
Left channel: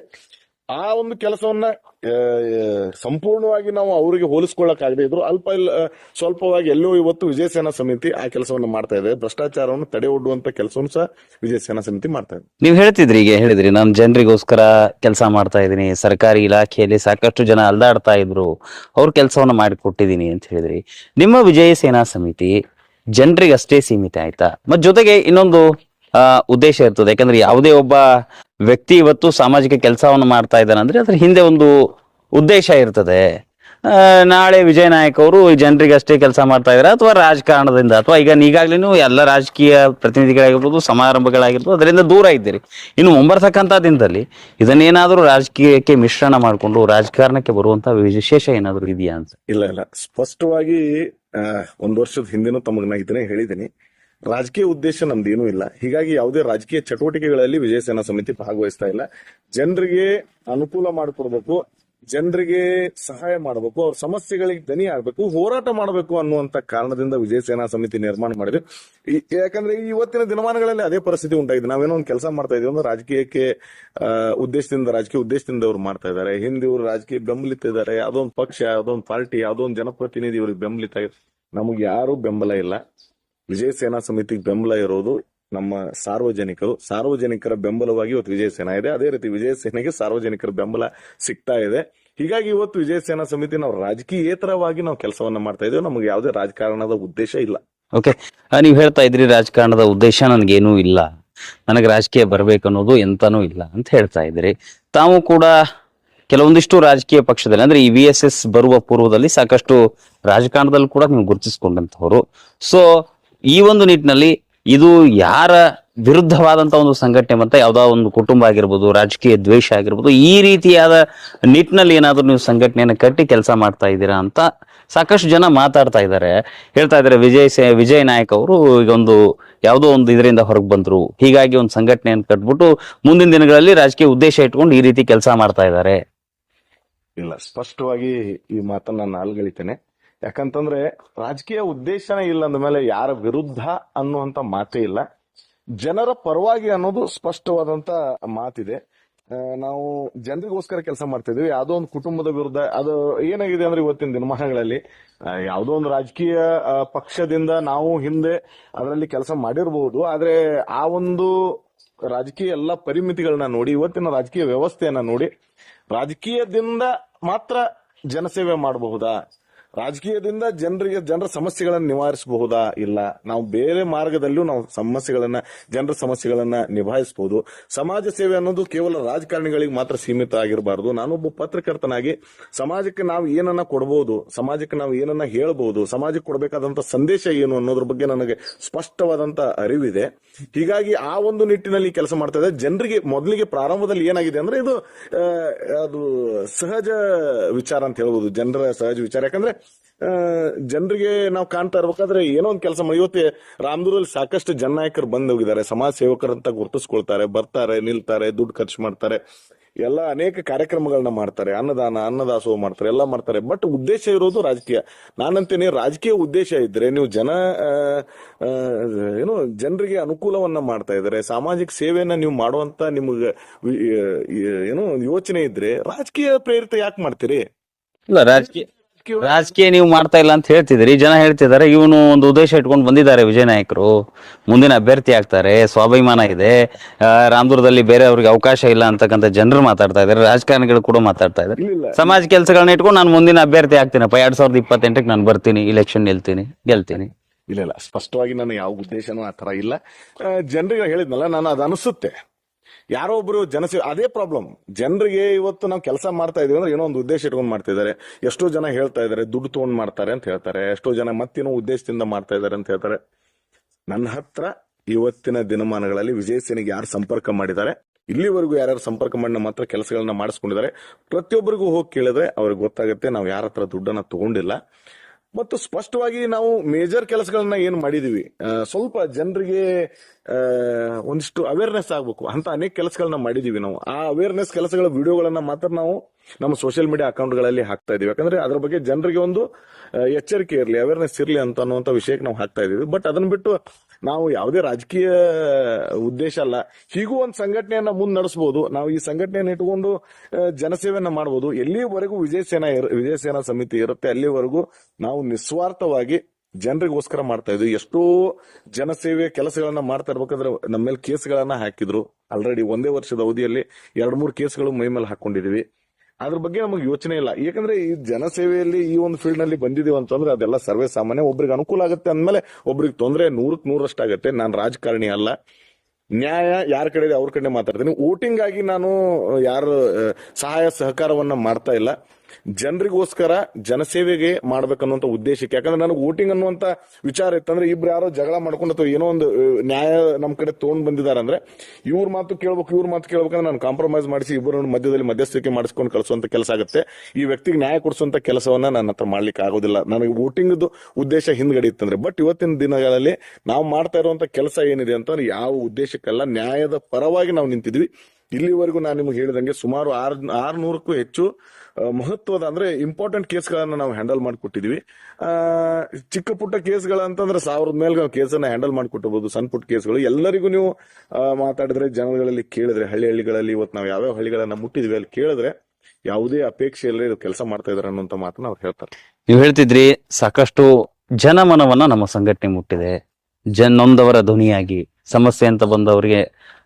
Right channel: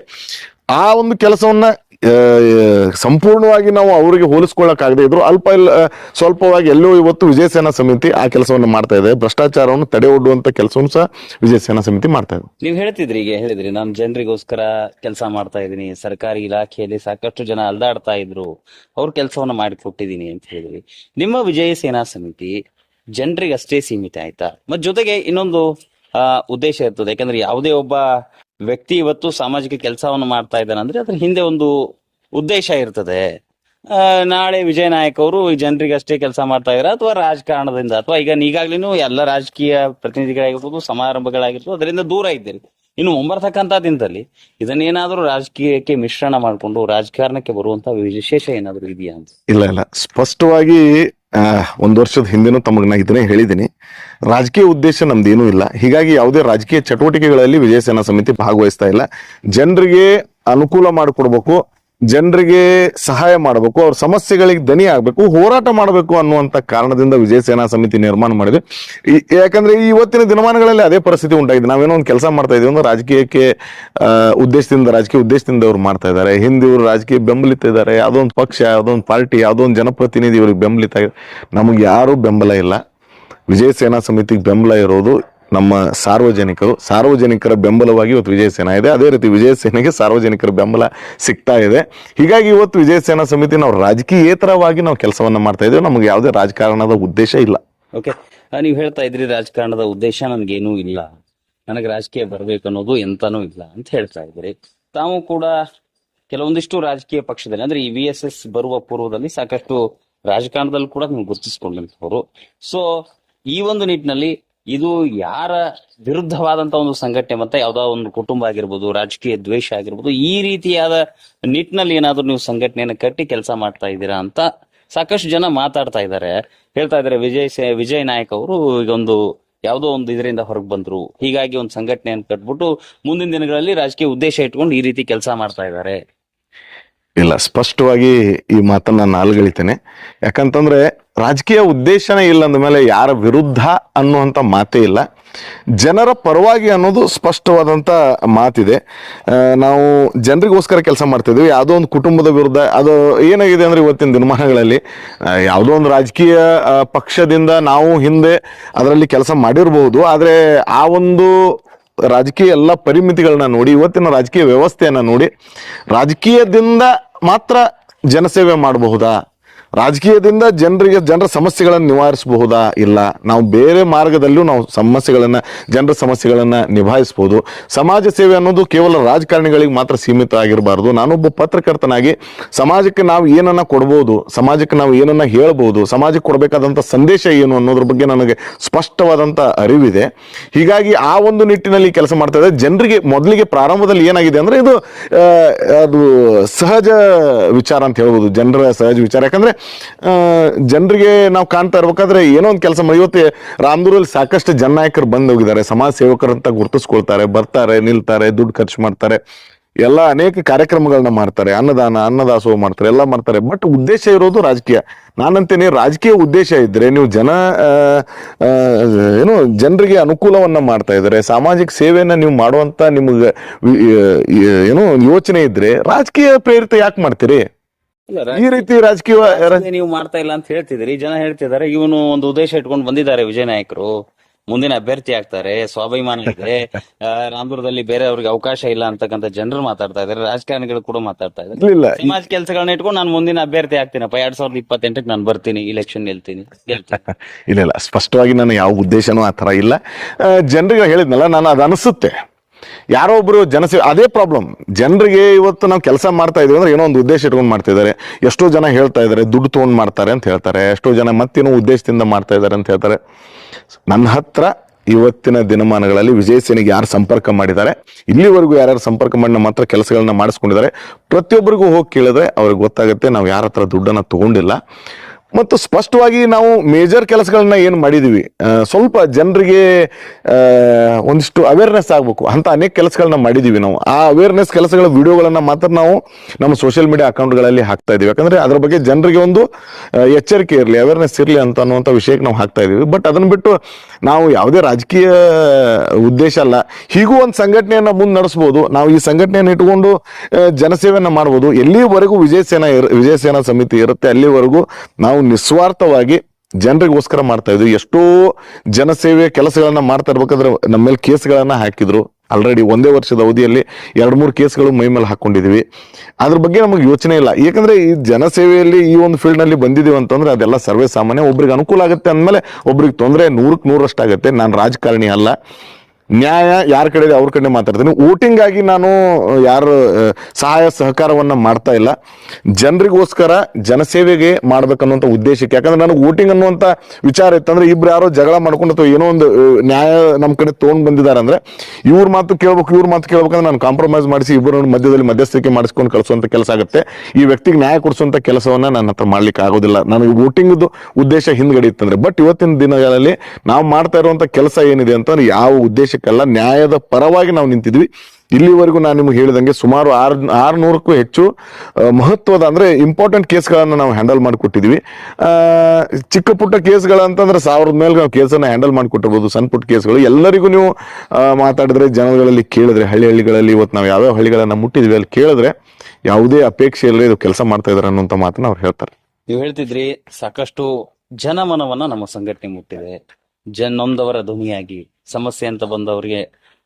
ಆ ಒಂದು ಕೆಲಸವನ್ನ ಸಂಪೂರ್ಣವಾಗಿ ನಾವು ಅವರಿಗೆ ಹೋಲಿಸ್ಕೊಳ್ಳಕ್ಕಾಗದೇ ಇದ್ರು ಸ್ವಲ್ಪವಾಗಿ ಎಲ್ಲೋ ಇವತ್ತು ವಿಜಯ ಸೇನಾ ಸಮಿತಿ ಆ ಕೆಲಸವನ್ನು ಮಾಡ್ತಾ ಇದೆ. ಭ್ರಷ್ಟಾಚಾರವನ್ನು ತಡೆ ಒಡ್ಡುವಂತ ಕೆಲಸವನ್ನು ಸಹ ವಿಜಯ ಸೇನಾ ಸಮಿತಿ ಮಾಡ್ತಾ ಇದೆ. ನೀವು ಹೇಳಿದ್ರಿ ನಾನು ಜನರಿಗೋಸ್ಕರ ಕೆಲಸ ಮಾಡ್ತಾ ಇದ್ದೀನಿ, ಸರ್ಕಾರಿ ಇಲಾಖೆಯಲ್ಲಿ ಸಾಕಷ್ಟು ಜನ ಅಲ್ದಾಡ್ತಾ ಇದ್ರು, ಅವ್ರ ಕೆಲಸವನ್ನ ಮಾಡಿಕೊಟ್ಟಿದ್ದೀನಿ ಅಂತ ಹೇಳಿದ್ರಿ. ನಿಮ್ಮ ವಿಜಯ ಸೇನಾ ಸಮಿತಿ ಜನರಿಗೆ ಅಷ್ಟೇ ಸೀಮಿತ ಆಯ್ತಾ? ಮತ್ ಜೊತೆಗೆ ಇನ್ನೊಂದು ಉದ್ದೇಶ ಇರ್ತದೆ. ಯಾಕಂದ್ರೆ ಯಾವುದೇ ಒಬ್ಬ ವ್ಯಕ್ತಿ ಇವತ್ತು ಸಾಮಾಜಿಕ ಕೆಲಸವನ್ನು ಮಾಡ್ತಾ ಇದ್ದಾನೆ ಅಂದ್ರೆ ಅದ್ರ ಹಿಂದೆ ಒಂದು ಉದ್ದೇಶ ಇರ್ತದೆ. ನಾಳೆ ವಿಜಯ ನಾಯಕ್ ಅವರು ಜನರಿಗೆ ಅಷ್ಟೇ ಕೆಲಸ ಮಾಡ್ತಾ ಇದಾರೆ, ಅಥವಾ ರಾಜಕಾರಣದಿಂದ, ಅಥವಾ ಈಗಾಗ್ಲೂ ಎಲ್ಲ ರಾಜಕೀಯ ಪ್ರತಿನಿಧಿಗಳಾಗಿರ್ಬೋದು, ಸಮಾರಂಭಗಳಾಗಿರ್ಬೋದು, ಅದರಿಂದ ದೂರ ಇದ್ದೀರಿ. ಇನ್ನು ಮುಂಬರ್ತಕ್ಕಂಥ ದಿನದಲ್ಲಿ ಇದನ್ನೇನಾದ್ರೂ ರಾಜಕೀಯಕ್ಕೆ ಮಿಶ್ರಣ ಮಾಡಿಕೊಂಡು ರಾಜಕಾರಣಕ್ಕೆ ಬರುವಂತ ವಿಶೇಷ ಏನಾದ್ರು ಇದೆಯಾ ಅಂತ? ಇಲ್ಲ, ಸ್ಪಷ್ಟವಾಗಿ ಒಂದು ವರ್ಷದ ಹಿಂದೆನೂ ತಮಗೆ ನಾ ಇದನ್ನೇ ಹೇಳಿದ್ದೀನಿ. ರಾಜಕೀಯ ಉದ್ದೇಶ ನಮ್ದೇನೂ ಇಲ್ಲ. ಹೀಗಾಗಿ ಯಾವುದೇ ರಾಜಕೀಯ ಚಟುವಟಿಕೆಗಳಲ್ಲಿ ವಿಜಯ ಸೇನಾ ಸಮಿತಿ ಭಾಗವಹಿಸ್ತಾ ಇಲ್ಲ. ಜನರಿಗೆ ಅನುಕೂಲ ಮಾಡಿಕೊಡ್ಬೇಕು, ಜನರಿಗೆ ಸಹಾಯ ಮಾಡಬೇಕು, ಅವ್ರ ಸಮಸ್ಯೆಗಳಿಗೆ ದನಿ ಆಗ್ಬೇಕು, ಹೋರಾಟ ಮಾಡಬೇಕು ಅನ್ನುವಂತ ಕಾರಣದಿಂದ ವಿಜಯ ಸೇನಾ ಸಮಿತಿ ನಿರ್ಮಾಣ ಮಾಡಿದೆ. ಯಾಕಂದ್ರೆ ಇವತ್ತಿನ ದಿನಮಾನಗಳಲ್ಲಿ ಅದೇ ಪರಿಸ್ಥಿತಿ ಉಂಟಾಗಿದೆ. ನಾವೇನೋ ಒಂದು ಕೆಲಸ ಮಾಡ್ತಾ ಇದೀವಿ ಅಂದ್ರೆ ರಾಜಕೀಯ ಉದ್ದೇಶದಿಂದ ಅವ್ರು ಮಾಡ್ತಾ ಇದ್ದಾರೆ. ಹಿಂದೆ ಇವರು ರಾಜಕೀಯ ಬೆಂಬಲಿತ ಇದ್ದಾರೆ, ಯಾವುದೊಂದು ಪಕ್ಷ, ಯಾವುದೊಂದು ಪಾರ್ಟಿ, ಯಾವುದೊಂದು ಜನಪ್ರತಿನಿಧಿ ಇವ್ರಿಗೆ ಬೆಂಬಲಿತ ಆಗಿದೆ. ನಮಗೆ ಯಾರು ಬೆಂಬಲ ಇಲ್ಲ. ವಿಜಯ ಸೇನಾ ಸಮಿತಿಗೆ ಬೆಂಬಲ ಇರೋದು ನಮ್ಮ ಸಾರ್ವಜನಿಕರ ಬೆಂಬಲವಾಗಿ ಇವತ್ತು ವಿಜಯ ಸೇನಾ ಇದೆ. ಅದೇ ರೀತಿ ವಿಜಯ ಸೇನೆಗೆ ಸಾರ್ವಜನಿಕರ ಬೆಂಬಲ ಸಿಗ್ತಾ ಇದೆ. ಹೀಗಾಗಿ ಇವತ್ತು ವಿಜಯ ಸೇನಾ ಸಮಿತಿ ನಾವು ರಾಜಕೀಯೇತರವಾಗಿ ನಾವು ಕೆಲಸವನ್ನ ಮಾಡ್ತಾ ಇದ್ದೇವೆ. ನಮಗೆ ಯಾವುದೇ ರಾಜಕಾರಣದ ಉದ್ದೇಶ ಇಲ್ಲ. ಓಕೆ, ನೀವು ಹೇಳ್ತಾ ಇದ್ರಿ ರಾಜಕಾರಣದ ಉದ್ದೇಶ ನನಗೇನೂ ಇಲ್ಲ, ನನಗೆ ರಾಜಕೀಯ ಬರ್ಬೇಕನ್ನೋದು ಎಂತಾನೂ ಇಲ್ಲ ಅಂತ ಹೇಳ್ತಾ ಇದ್ರಿ. ತಾವು ಕೂಡ ಕೆಲವೊಂದಿಷ್ಟು ರಾಜಕೀಯ ಪಕ್ಷದಲ್ಲಿ ಅಂದ್ರೆ ಈ VSS ಬರುವ ಪೂರ್ವದಲ್ಲಿ ಸಾಕಷ್ಟು ರಾಜಕಾರಣದಲ್ಲಿ ಕೂಡ ನೀವು ಗುರುತಿಸಿಕೊಂಡಂತವರು. ಸೊ ಈ ಒಂದು ನಿಟ್ಟಿನಲ್ಲಿ ಇದು ಯಾರ ವಿರುದ್ಧವಾದಂತ ಒಂದು ಸಂಘಟನೆ, ಮತ್ತೆ ಯಾವ್ದೋ ಒಂದು ಕುಟುಂಬ ಆಗಿರ್ಬೋದು, ರಾಜಕೀಯ ದ್ವೇಷ ಆಗಿರ್ಬೋದು, ಈ ರೀತಿಯಾದ ನಿಟ್ಟಿನಲ್ಲಿ ಏನಾದ್ರು ನೀವು ಸಂಘಟನೆಯನ್ನ ಕಟ್ಟಿ ಕೆಲಸ ಮಾಡ್ತಾ ಇದ್ದೀರಾ ಅಂತ ಸಾಕಷ್ಟು ಜನ ಮಾತಾಡ್ತಾ ಇದ್ದಾರೆ, ಹೇಳ್ತಾ ಇದ್ದಾರೆ. ವಿಜಯ್ ನಾಯಕ್ ಅವರು ಈಗ ಯಾವುದೋ ಒಂದು ಇದರಿಂದ ಹೊರಗೆ ಬಂದ್ರು, ಹೀಗಾಗಿ ಒಂದು ಸಂಘಟನೆಯನ್ನು ಕಟ್ಬಿಟ್ಟು ಮುಂದಿನ ದಿನಗಳಲ್ಲಿ ರಾಜಕೀಯ ಉದ್ದೇಶ ಇಟ್ಕೊಂಡು ಈ ರೀತಿ ಕೆಲಸ ಮಾಡ್ತಾ ಇದ್ದಾರೆ. ಇಲ್ಲ, ಸ್ಪಷ್ಟವಾಗಿ ಈ ಮಾತನ್ನ ನಾನು ಅಲ್ಗಳಿತೇನೆ. ಯಾಕಂತಂದ್ರೆ ರಾಜಕೀಯ ಉದ್ದೇಶನೇ ಇಲ್ಲ ಅಂದಮೇಲೆ ಯಾರ ವಿರುದ್ಧ ಅನ್ನುವಂಥ ಮಾತೇ ಇಲ್ಲ. ಜನರ ಪರವಾಗಿ ಅನ್ನೋದು ಸ್ಪಷ್ಟವಾದಂತ ಮಾತಿದೆ. ನಾವು ಜನರಿಗೋಸ್ಕರ ಕೆಲಸ ಮಾಡ್ತಾ ಇದ್ವಿ. ಯಾವುದೋ ಒಂದು ಕುಟುಂಬದ ವಿರುದ್ಧ ಅದು ಏನಾಗಿದೆ ಅಂದ್ರೆ ಇವತ್ತಿನ ದಿನಮಾನಗಳಲ್ಲಿ ಯಾವುದೋ ಒಂದು ರಾಜಕೀಯ ಪಕ್ಷದಿಂದ ನಾವು ಹಿಂದೆ ಅದರಲ್ಲಿ ಕೆಲಸ ಮಾಡಿರಬಹುದು, ಆದ್ರೆ ಆ ಒಂದು ರಾಜಕೀಯ ಎಲ್ಲ ಪರಿಮಿತಿಗಳನ್ನ ನೋಡಿ, ಇವತ್ತಿನ ರಾಜಕೀಯ ವ್ಯವಸ್ಥೆಯನ್ನ ನೋಡಿ, ರಾಜಕೀಯದಿಂದ ಮಾತ್ರ ಜನಸೇವೆ ಮಾಡಬಹುದಾ, ರಾಜಕೀಯದಿಂದ ಜನರ ಸಮಸ್ಯೆಗಳನ್ನು ನಿವಾರಿಸಬಹುದಾ? ಇಲ್ಲ. ನಾವು ಬೇರೆ ಮಾರ್ಗದಲ್ಲೂ ನಾವು ಜನರ ಸಮಸ್ಯೆಗಳನ್ನ ನಿಭಾಯಿಸಬಹುದು. ಸಮಾಜ ಸೇವೆ ಅನ್ನೋದು ಕೇವಲ ರಾಜಕಾರಣಿಗಳಿಗೆ ಮಾತ್ರ ಸೀಮಿತ ಆಗಿರಬಾರ್ದು. ನಾನೊಬ್ಬ ಪತ್ರಕರ್ತನಾಗಿ ಸಮಾಜಕ್ಕೆ ನಾವು ಏನನ್ನ ಕೊಡ್ಬೋದು, ಸಮಾಜಕ್ಕೆ ನಾವು ಏನನ್ನ ಹೇಳ್ಬೋದು, ಸಮಾಜಕ್ಕೆ ಕೊಡಬೇಕಾದಂತ ಸಂದೇಶ ಏನು ಅನ್ನೋದ್ರ ಬಗ್ಗೆ ನನಗೆ ಸ್ಪಷ್ಟವಾದಂತ ಅರಿವಿದೆ. ಹೀಗಾಗಿ ಆ ಒಂದು ನಿಟ್ಟಿನಲ್ಲಿ ಕೆಲಸ ಮಾಡ್ತಾ ಇದೆ. ಜನರಿಗೆ ಮೊದಲಿಗೆ ಪ್ರಾರಂಭದಲ್ಲಿ ಏನಾಗಿದೆ ಅಂದ್ರೆ ಇದು ಅದು ಸಹಜ ವಿಚಾರ ಅಂತ ಹೇಳ್ಬೋದು, ಜನರ ಸಹಜ ವಿಚಾರ. ಯಾಕಂದ್ರೆ ಜನರಿಗೆ ನಾವು ಕಾಣ್ತಾ ಇರ್ಬೇಕಾದ್ರೆ ಏನೋ ಒಂದು ಕೆಲಸ ಮಾಡಿ, ಇವತ್ತು ರಾಮದುರಲ್ಲಿ ಸಾಕಷ್ಟು ಜನನಾಯಕರು ಬಂದು ಹೋಗಿದ್ದಾರೆ, ಸಮಾಜ ಸೇವಕರಂತ ಗುರುತಿಸ್ಕೊಳ್ತಾರೆ, ಬರ್ತಾರೆ, ನಿಲ್ತಾರೆ, ದುಡ್ಡು ಖರ್ಚು ಮಾಡ್ತಾರೆ, ಎಲ್ಲ ಅನೇಕ ಕಾರ್ಯಕ್ರಮಗಳನ್ನ ಮಾಡ್ತಾರೆ, ಅನ್ನದಾಸೋಹ ಮಾಡ್ತಾರೆ, ಎಲ್ಲ ಮಾಡ್ತಾರೆ. ಬಟ್ ಉದ್ದೇಶ ಇರೋದು ರಾಜಕೀಯ. ನಾನಂತೇನೆ, ರಾಜಕೀಯ ಉದ್ದೇಶ ಇದ್ರೆ ನೀವು ಜನರಿಗೆ ಅನುಕೂಲವನ್ನ ಮಾಡ್ತಾ ಇದ್ದಾರೆ, ಸಾಮಾಜಿಕ ಸೇವೆಯನ್ನ ನೀವು ಮಾಡುವಂತ ನಿಮ್ಗೆ ಯೋಚನೆ ಇದ್ರೆ ರಾಜಕೀಯ ಪ್ರೇರಿತ ಯಾಕೆ ಮಾಡ್ತೀರಿ? ಇಲ್ಲ, ಈ ರೀತಿ ರಾಜಕೀಯ ನೀವು ಮಾಡ್ತಾ ಇಲ್ಲ ಅಂತ ಹೇಳ್ತಿದ್ರಿ. ಜನ ಹೇಳ್ತಿದ್ದಾರೆ ಇವನು ಒಂದು ಉದ್ದೇಶ ಇಟ್ಕೊಂಡು ಬಂದಿದ್ದಾರೆ ವಿಜಯ ನಾಯಕರು, ಮುಂದಿನ ಅಭ್ಯರ್ಥಿ ಆಗ್ತಾರೆ, ಸ್ವಾಭಿಮಾನ ಇದೆ, ರಾಮದುರ್ಗದಲ್ಲಿ ಬೇರೆ ಅವ್ರಿಗೆ ಅವಕಾಶ ಇಲ್ಲ ಅಂತಕ್ಕಂಥ ಜನರು ಮಾತಾಡ್ತಾ ಇದಾರೆ, ರಾಜಕಾರಣಿಗಳು ಕೂಡ ಮಾತಾಡ್ತಾ ಇದ್ದಾರೆ. ಸಮಾಜ ಕೆಲಸಗಳನ್ನ ಇಟ್ಕೊಂಡು ನಾನು ಮುಂದಿನ ಅಭ್ಯರ್ಥಿ ಆಗ್ತೀನಪ್ಪ, 2028ಕ್ಕೆ ನಾನು ಬರ್ತೀನಿ, ಇಲೆಕ್ಷನ್ ಗೆಲ್ತೀನಿ. ಇಲ್ಲ, ಸ್ಪಷ್ಟವಾಗಿ ನಾನು ಯಾವ ಉದ್ದೇಶನೂ ಆ ತರ ಇಲ್ಲ. ಜನರಿಗೆ ಹೇಳಿದ್ನಲ್ಲ, ನಾನು ಅದು ಅನಿಸುತ್ತೆ ಯಾರೋ ಒಬ್ರು ಜನಸೇವೆ, ಅದೇ ಪ್ರಾಬ್ಲಮ್. ಜನರಿಗೆ ಇವತ್ತು ನಾವು ಕೆಲಸ ಮಾಡ್ತಾ ಇದೀವಿ ಅಂದ್ರೆ ಏನೋ ಒಂದು ಉದ್ದೇಶ ಇಟ್ಕೊಂಡು ಮಾಡ್ತಾ ಇದಾರೆ. ಎಷ್ಟೋ ಜನ ಹೇಳ್ತಾ ಇದಾರೆ ದುಡ್ಡು ತಗೊಂಡ್ ಮಾಡ್ತಾರೆ ಅಂತ ಹೇಳ್ತಾರೆ, ಎಷ್ಟೋ ಜನ ಮತ್ತೇನೋ ಉದ್ದೇಶದಿಂದ ಮಾಡ್ತಾ ಇದಾರೆ ಅಂತ ಹೇಳ್ತಾರೆ. ನನ್ನ ಹತ್ರ ಇವತ್ತಿನ ದಿನಮಾನಗಳಲ್ಲಿ ವಿಜಯ ಸೇನೆಗೆ ಯಾರು ಸಂಪರ್ಕ ಮಾಡಿದ್ದಾರೆ, ಇಲ್ಲಿವರೆಗೂ ಯಾರ್ಯಾರು ಸಂಪರ್ಕ ಮಾಡಿ ನಮ್ಮ ಹತ್ರ ಕೆಲಸಗಳನ್ನ ಮಾಡಿಸ್ಕೊಂಡಿದ್ದಾರೆ, ಪ್ರತಿಯೊಬ್ಬರಿಗೂ ಹೋಗಿ ಕೇಳಿದ್ರೆ ಅವ್ರಿಗೆ ಗೊತ್ತಾಗುತ್ತೆ ನಾವು ಯಾರ ಹತ್ರ ದುಡ್ಡನ್ನ ತಗೊಂಡಿಲ್ಲ. ಮತ್ತು ಸ್ಪಷ್ಟವಾಗಿ ನಾವು ಮೇಜರ್ ಕೆಲಸಗಳನ್ನ ಏನು ಮಾಡಿದೀವಿ, ಸ್ವಲ್ಪ ಜನರಿಗೆ ಒಂದಿಷ್ಟು ಅವೇರ್ನೆಸ್ ಆಗ್ಬೇಕು ಅಂತ ಅನೇಕ ಕೆಲಸಗಳನ್ನ ಮಾಡಿದೀವಿ. ನಾವು ಆ ಅವೇರ್ನೆಸ್ ಕೆಲಸಗಳ ವಿಡಿಯೋಗಳನ್ನ ಮಾತ್ರ ನಾವು ನಮ್ಮ ಸೋಷಿಯಲ್ ಮೀಡಿಯಾ ಅಕೌಂಟ್ಗಳಲ್ಲಿ ಹಾಕ್ತಾ ಇದೀವಿ. ಯಾಕಂದ್ರೆ ಅದ್ರ ಬಗ್ಗೆ ಜನರಿಗೆ ಒಂದು ಎಚ್ಚರಿಕೆ ಇರಲಿ, ಅವೇರ್ನೆಸ್ ಇರಲಿ ಅನ್ನುವಂಥ ವಿಷಯಕ್ಕೆ ನಾವು ಹಾಕ್ತಾ ಇದೀವಿ. ಬಟ್ ಅದನ್ನ ಬಿಟ್ಟು ನಾವು ಯಾವುದೇ ರಾಜಕೀಯ ಉದ್ದೇಶ ಅಲ್ಲ. ಹೀಗೂ ಒಂದು ಸಂಘಟನೆಯನ್ನ ಮುಂದೆ ನಡೆಸ್ಬೋದು. ನಾವು ಈ ಸಂಘಟನೆಯನ್ನು ಇಟ್ಕೊಂಡು ಜನಸೇವೆಯನ್ನ ಮಾಡ್ಬೋದು. ಎಲ್ಲಿವರೆಗೂ ವಿಜಯ ಸೇನಾ ಸಮಿತಿ ಇರುತ್ತೆ ಅಲ್ಲಿವರೆಗೂ ನಾವು ನಿಸ್ವಾರ್ಥವಾಗಿ ಜನರಿಗೋಸ್ಕರ ಮಾಡ್ತಾ ಇದ್ವಿ. ಎಷ್ಟೋ ಜನಸೇವೆ ಕೆಲಸಗಳನ್ನ ಮಾಡ್ತಾ ಇರ್ಬೇಕಾದ್ರೆ ನಮ್ಮ ಮೇಲೆ ಕೇಸ್ಗಳನ್ನ ಹಾಕಿದ್ರು. ಆಲ್ರೆಡಿ ಒಂದೇ ವರ್ಷದ ಅವಧಿಯಲ್ಲಿ 2-3 ಕೇಸ್ಗಳು ಮೈ ಮೇಲೆ ಹಾಕೊಂಡಿದೀವಿ. ಅದ್ರ ಬಗ್ಗೆ ನಮಗೆ ಯೋಚನೆ ಇಲ್ಲ. ಯಾಕಂದ್ರೆ ಈ ಜನಸೇವೆಯಲ್ಲಿ ಈ ಒಂದು ಫೀಲ್ಡ್ ನಲ್ಲಿ ಬಂದಿದೀವಿ ಅಂತಂದ್ರೆ ಅದೆಲ್ಲ ಸರ್ವೇ ಸಾಮಾನ್ಯ. ಒಬ್ರಿಗೆ ಅನುಕೂಲ ಆಗುತ್ತೆ ಅಂದ್ಮೇಲೆ ಒಬ್ರಿಗೆ ತೊಂದರೆ 100ಕ್ಕೆ 100ರಷ್ಟು ಆಗುತ್ತೆ. ನಾನು ರಾಜಕಾರಣಿ ಅಲ್ಲ, ನ್ಯಾಯ ಯಾರ ಕಡೆ ಇದೆ ಅವ್ರ ಕಡೆ ಮಾತಾಡ್ತೀನಿ. ವೋಟಿಂಗ್ ಆಗಿ ನಾನು ಯಾರ ಸಹಾಯ ಸಹಕಾರವನ್ನ ಮಾಡ್ತಾ ಇಲ್ಲ. ಜನರಿಗೋಸ್ಕರ ಜನಸೇವೆಗೆ ಮಾಡ್ಬೇಕನ್ನುವಂತ ಉದ್ದೇಶಕ್ಕೆ. ಯಾಕಂದ್ರೆ ನನಗೆ ವೋಟಿಂಗ್ ಅನ್ನುವಂತ ವಿಚಾರ ಇತ್ತಂದ್ರೆ ಇಬ್ರು ಯಾರೋ ಜಗಳ ಮಾಡ್ಕೊಂಡು ಅಥವಾ ಏನೋ ಒಂದು ನ್ಯಾಯ ನಮ್ ಕಡೆ ತಗೊಂಡ್ ಬಂದಿದ್ದಾರೆ ಅಂದ್ರೆ ಇವ್ರ ಮಾತು ಕೇಳ್ಬೇಕಂದ್ರೆ ನಾನು ಕಾಂಪ್ರಮೈಸ್ ಮಾಡಿಸಿ ಇಬ್ಬರು ಮಧ್ಯದಲ್ಲಿ ಮಧ್ಯಸ್ಥಿಕೆ ಮಾಡಿಸ್ಕೊಂಡು ಕಳಿಸುವಂತ ಕೆಲಸ ಆಗುತ್ತೆ. ಈ ವ್ಯಕ್ತಿಗೆ ನ್ಯಾಯ ಕೊಡಿಸುವಂತ ಕೆಲಸವನ್ನ ನನ್ನ ಹತ್ರ ಮಾಡ್ಲಿಕ್ಕೆ ಆಗೋದಿಲ್ಲ. ನನಗೆ ವೋಟಿಂಗ್ ಉದ್ದೇಶ ಹಿಂದ್ಗಡೆ ಇತ್ತಂದ್ರೆ. ಬಟ್ ಇವತ್ತಿನ ದಿನಗಳಲ್ಲಿ ನಾವು ಮಾಡ್ತಾ ಇರುವಂತ ಕೆಲಸ ಏನಿದೆ ಅಂತಂದ್ರೆ ಯಾವ ಉದ್ದೇಶಕ್ಕಲ್ಲ, ನ್ಯಾಯದ ಪರವಾಗಿ ನಾವು ನಿಂತಿದ್ವಿ. ಇಲ್ಲಿವರೆಗೂ ನಾನು ನಿಮ್ಗೆ ಹೇಳಿದಂಗೆ ಸುಮಾರು 600ಕ್ಕೂ ಹೆಚ್ಚು ಮಹತ್ವದ ಅಂದ್ರೆ ಇಂಪಾರ್ಟೆಂಟ್ ಕೇಸ್ಗಳನ್ನ ನಾವು ಹ್ಯಾಂಡಲ್ ಮಾಡಿಕೊಟ್ಟಿದ್ವಿ. ಚಿಕ್ಕ ಪುಟ್ಟ ಕೇಸ್ಗಳಂತಂದ್ರೆ 1000 ಮೇಲೆ ನಾವು ಕೇಸನ್ನ ಹ್ಯಾಂಡಲ್ ಮಾಡಿಕೊಟ್ಟಿರ್ಬೋದು. ಸಣ್ಣ ಪುಟ್ಟ ಕೇಸ್ಗಳು ಎಲ್ಲರಿಗೂ ನೀವು ಮಾತಾಡಿದ್ರೆ, ಜನಗಳಲ್ಲಿ ಕೇಳಿದ್ರೆ, ಹಳ್ಳಿಗಳಲ್ಲಿ ಇವತ್ತು ನಾವು ಯಾವ್ಯಾವ ಹಳ್ಳಿಗಳನ್ನ ಮುಟ್ಟಿದ್ವಿ ಅಲ್ಲಿ ಕೇಳಿದ್ರೆ ಯಾವುದೇ ಅಪೇಕ್ಷೆ ಇಲ್ಲದೆ ಇದು ಕೆಲಸ ಮಾಡ್ತಾ ಇದಾರೆ ಅನ್ನುವಂತ ಮಾತನ್ನ ಅವ್ರು ಹೇಳ್ತಾರೆ. ನೀವು ಹೇಳ್ತಿದ್ರಿ ಸಾಕಷ್ಟು ಜನಮನವನ್ನ ನಮ್ಮ ಸಂಘಟನೆ ಮುಟ್ಟಿದೆ, ನೊಂದವರ ಧ್ವನಿಯಾಗಿ ಸಮಸ್ಯೆ ಅಂತ ಬಂದವರಿಗೆ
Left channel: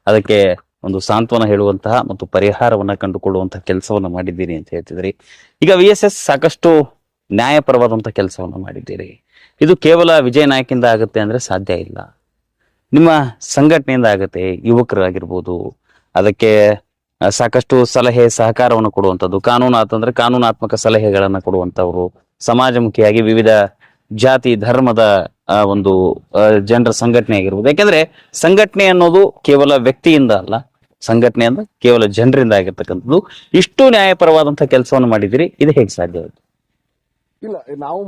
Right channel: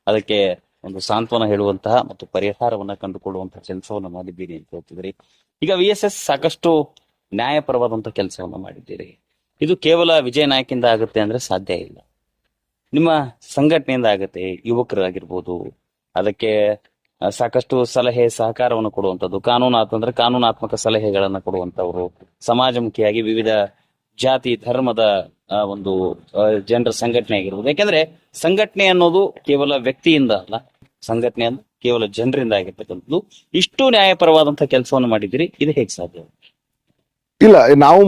ಅದಕ್ಕೆ ಒಂದು ಸಾಂತ್ವನ ಹೇಳುವಂತಹ ಮತ್ತು ಪರಿಹಾರವನ್ನ ಕಂಡುಕೊಳ್ಳುವಂತಹ ಕೆಲಸವನ್ನ ಮಾಡಿದ್ದೀರಿ ಅಂತ ಹೇಳ್ತಿದ್ರಿ. ಈಗ VSS ಸಾಕಷ್ಟು ನ್ಯಾಯಪರವಾದಂತಹ ಕೆಲಸವನ್ನ ಮಾಡಿದ್ದೀರಿ. ಇದು ಕೇವಲ ವಿಜಯ ನಾಯಕಿಂದ ಆಗುತ್ತೆ ಅಂದ್ರೆ ಸಾಧ್ಯ ಇಲ್ಲ, ನಿಮ್ಮ ಸಂಘಟನೆಯಿಂದ ಆಗುತ್ತೆ. ಯುವಕರಾಗಿರ್ಬೋದು, ಅದಕ್ಕೆ ಸಾಕಷ್ಟು ಸಲಹೆ ಸಹಕಾರವನ್ನು ಕೊಡುವಂಥದ್ದು, ಕಾನೂನಾತ್ಮಕ ಸಲಹೆಗಳನ್ನ ಕೊಡುವಂತವ್ರು, ಸಮಾಜಮುಖಿಯಾಗಿ ವಿವಿಧ ಜಾತಿ ಧರ್ಮದ ಒಂದು ಜನರ ಸಂಘಟನೆ ಆಗಿರ್ಬೋದು. ಯಾಕಂದ್ರೆ ಸಂಘಟನೆ ಅನ್ನೋದು ಕೇವಲ ವ್ಯಕ್ತಿಯಿಂದ ಅಲ್ಲ, ಸಂಘಟನೆ ಅಂದ್ರೆ ಕೇವಲ ಜನರಿಂದ ಆಗಿರ್ತಕ್ಕಂಥದ್ದು. ಇಷ್ಟು ನ್ಯಾಯಪರವಾದಂತಹ ಕೆಲಸವನ್ನು ಮಾಡಿದಿರಿ, ಇದು ಹೇಗೆ ಸಾಧ್ಯ? ಇಲ್ಲ,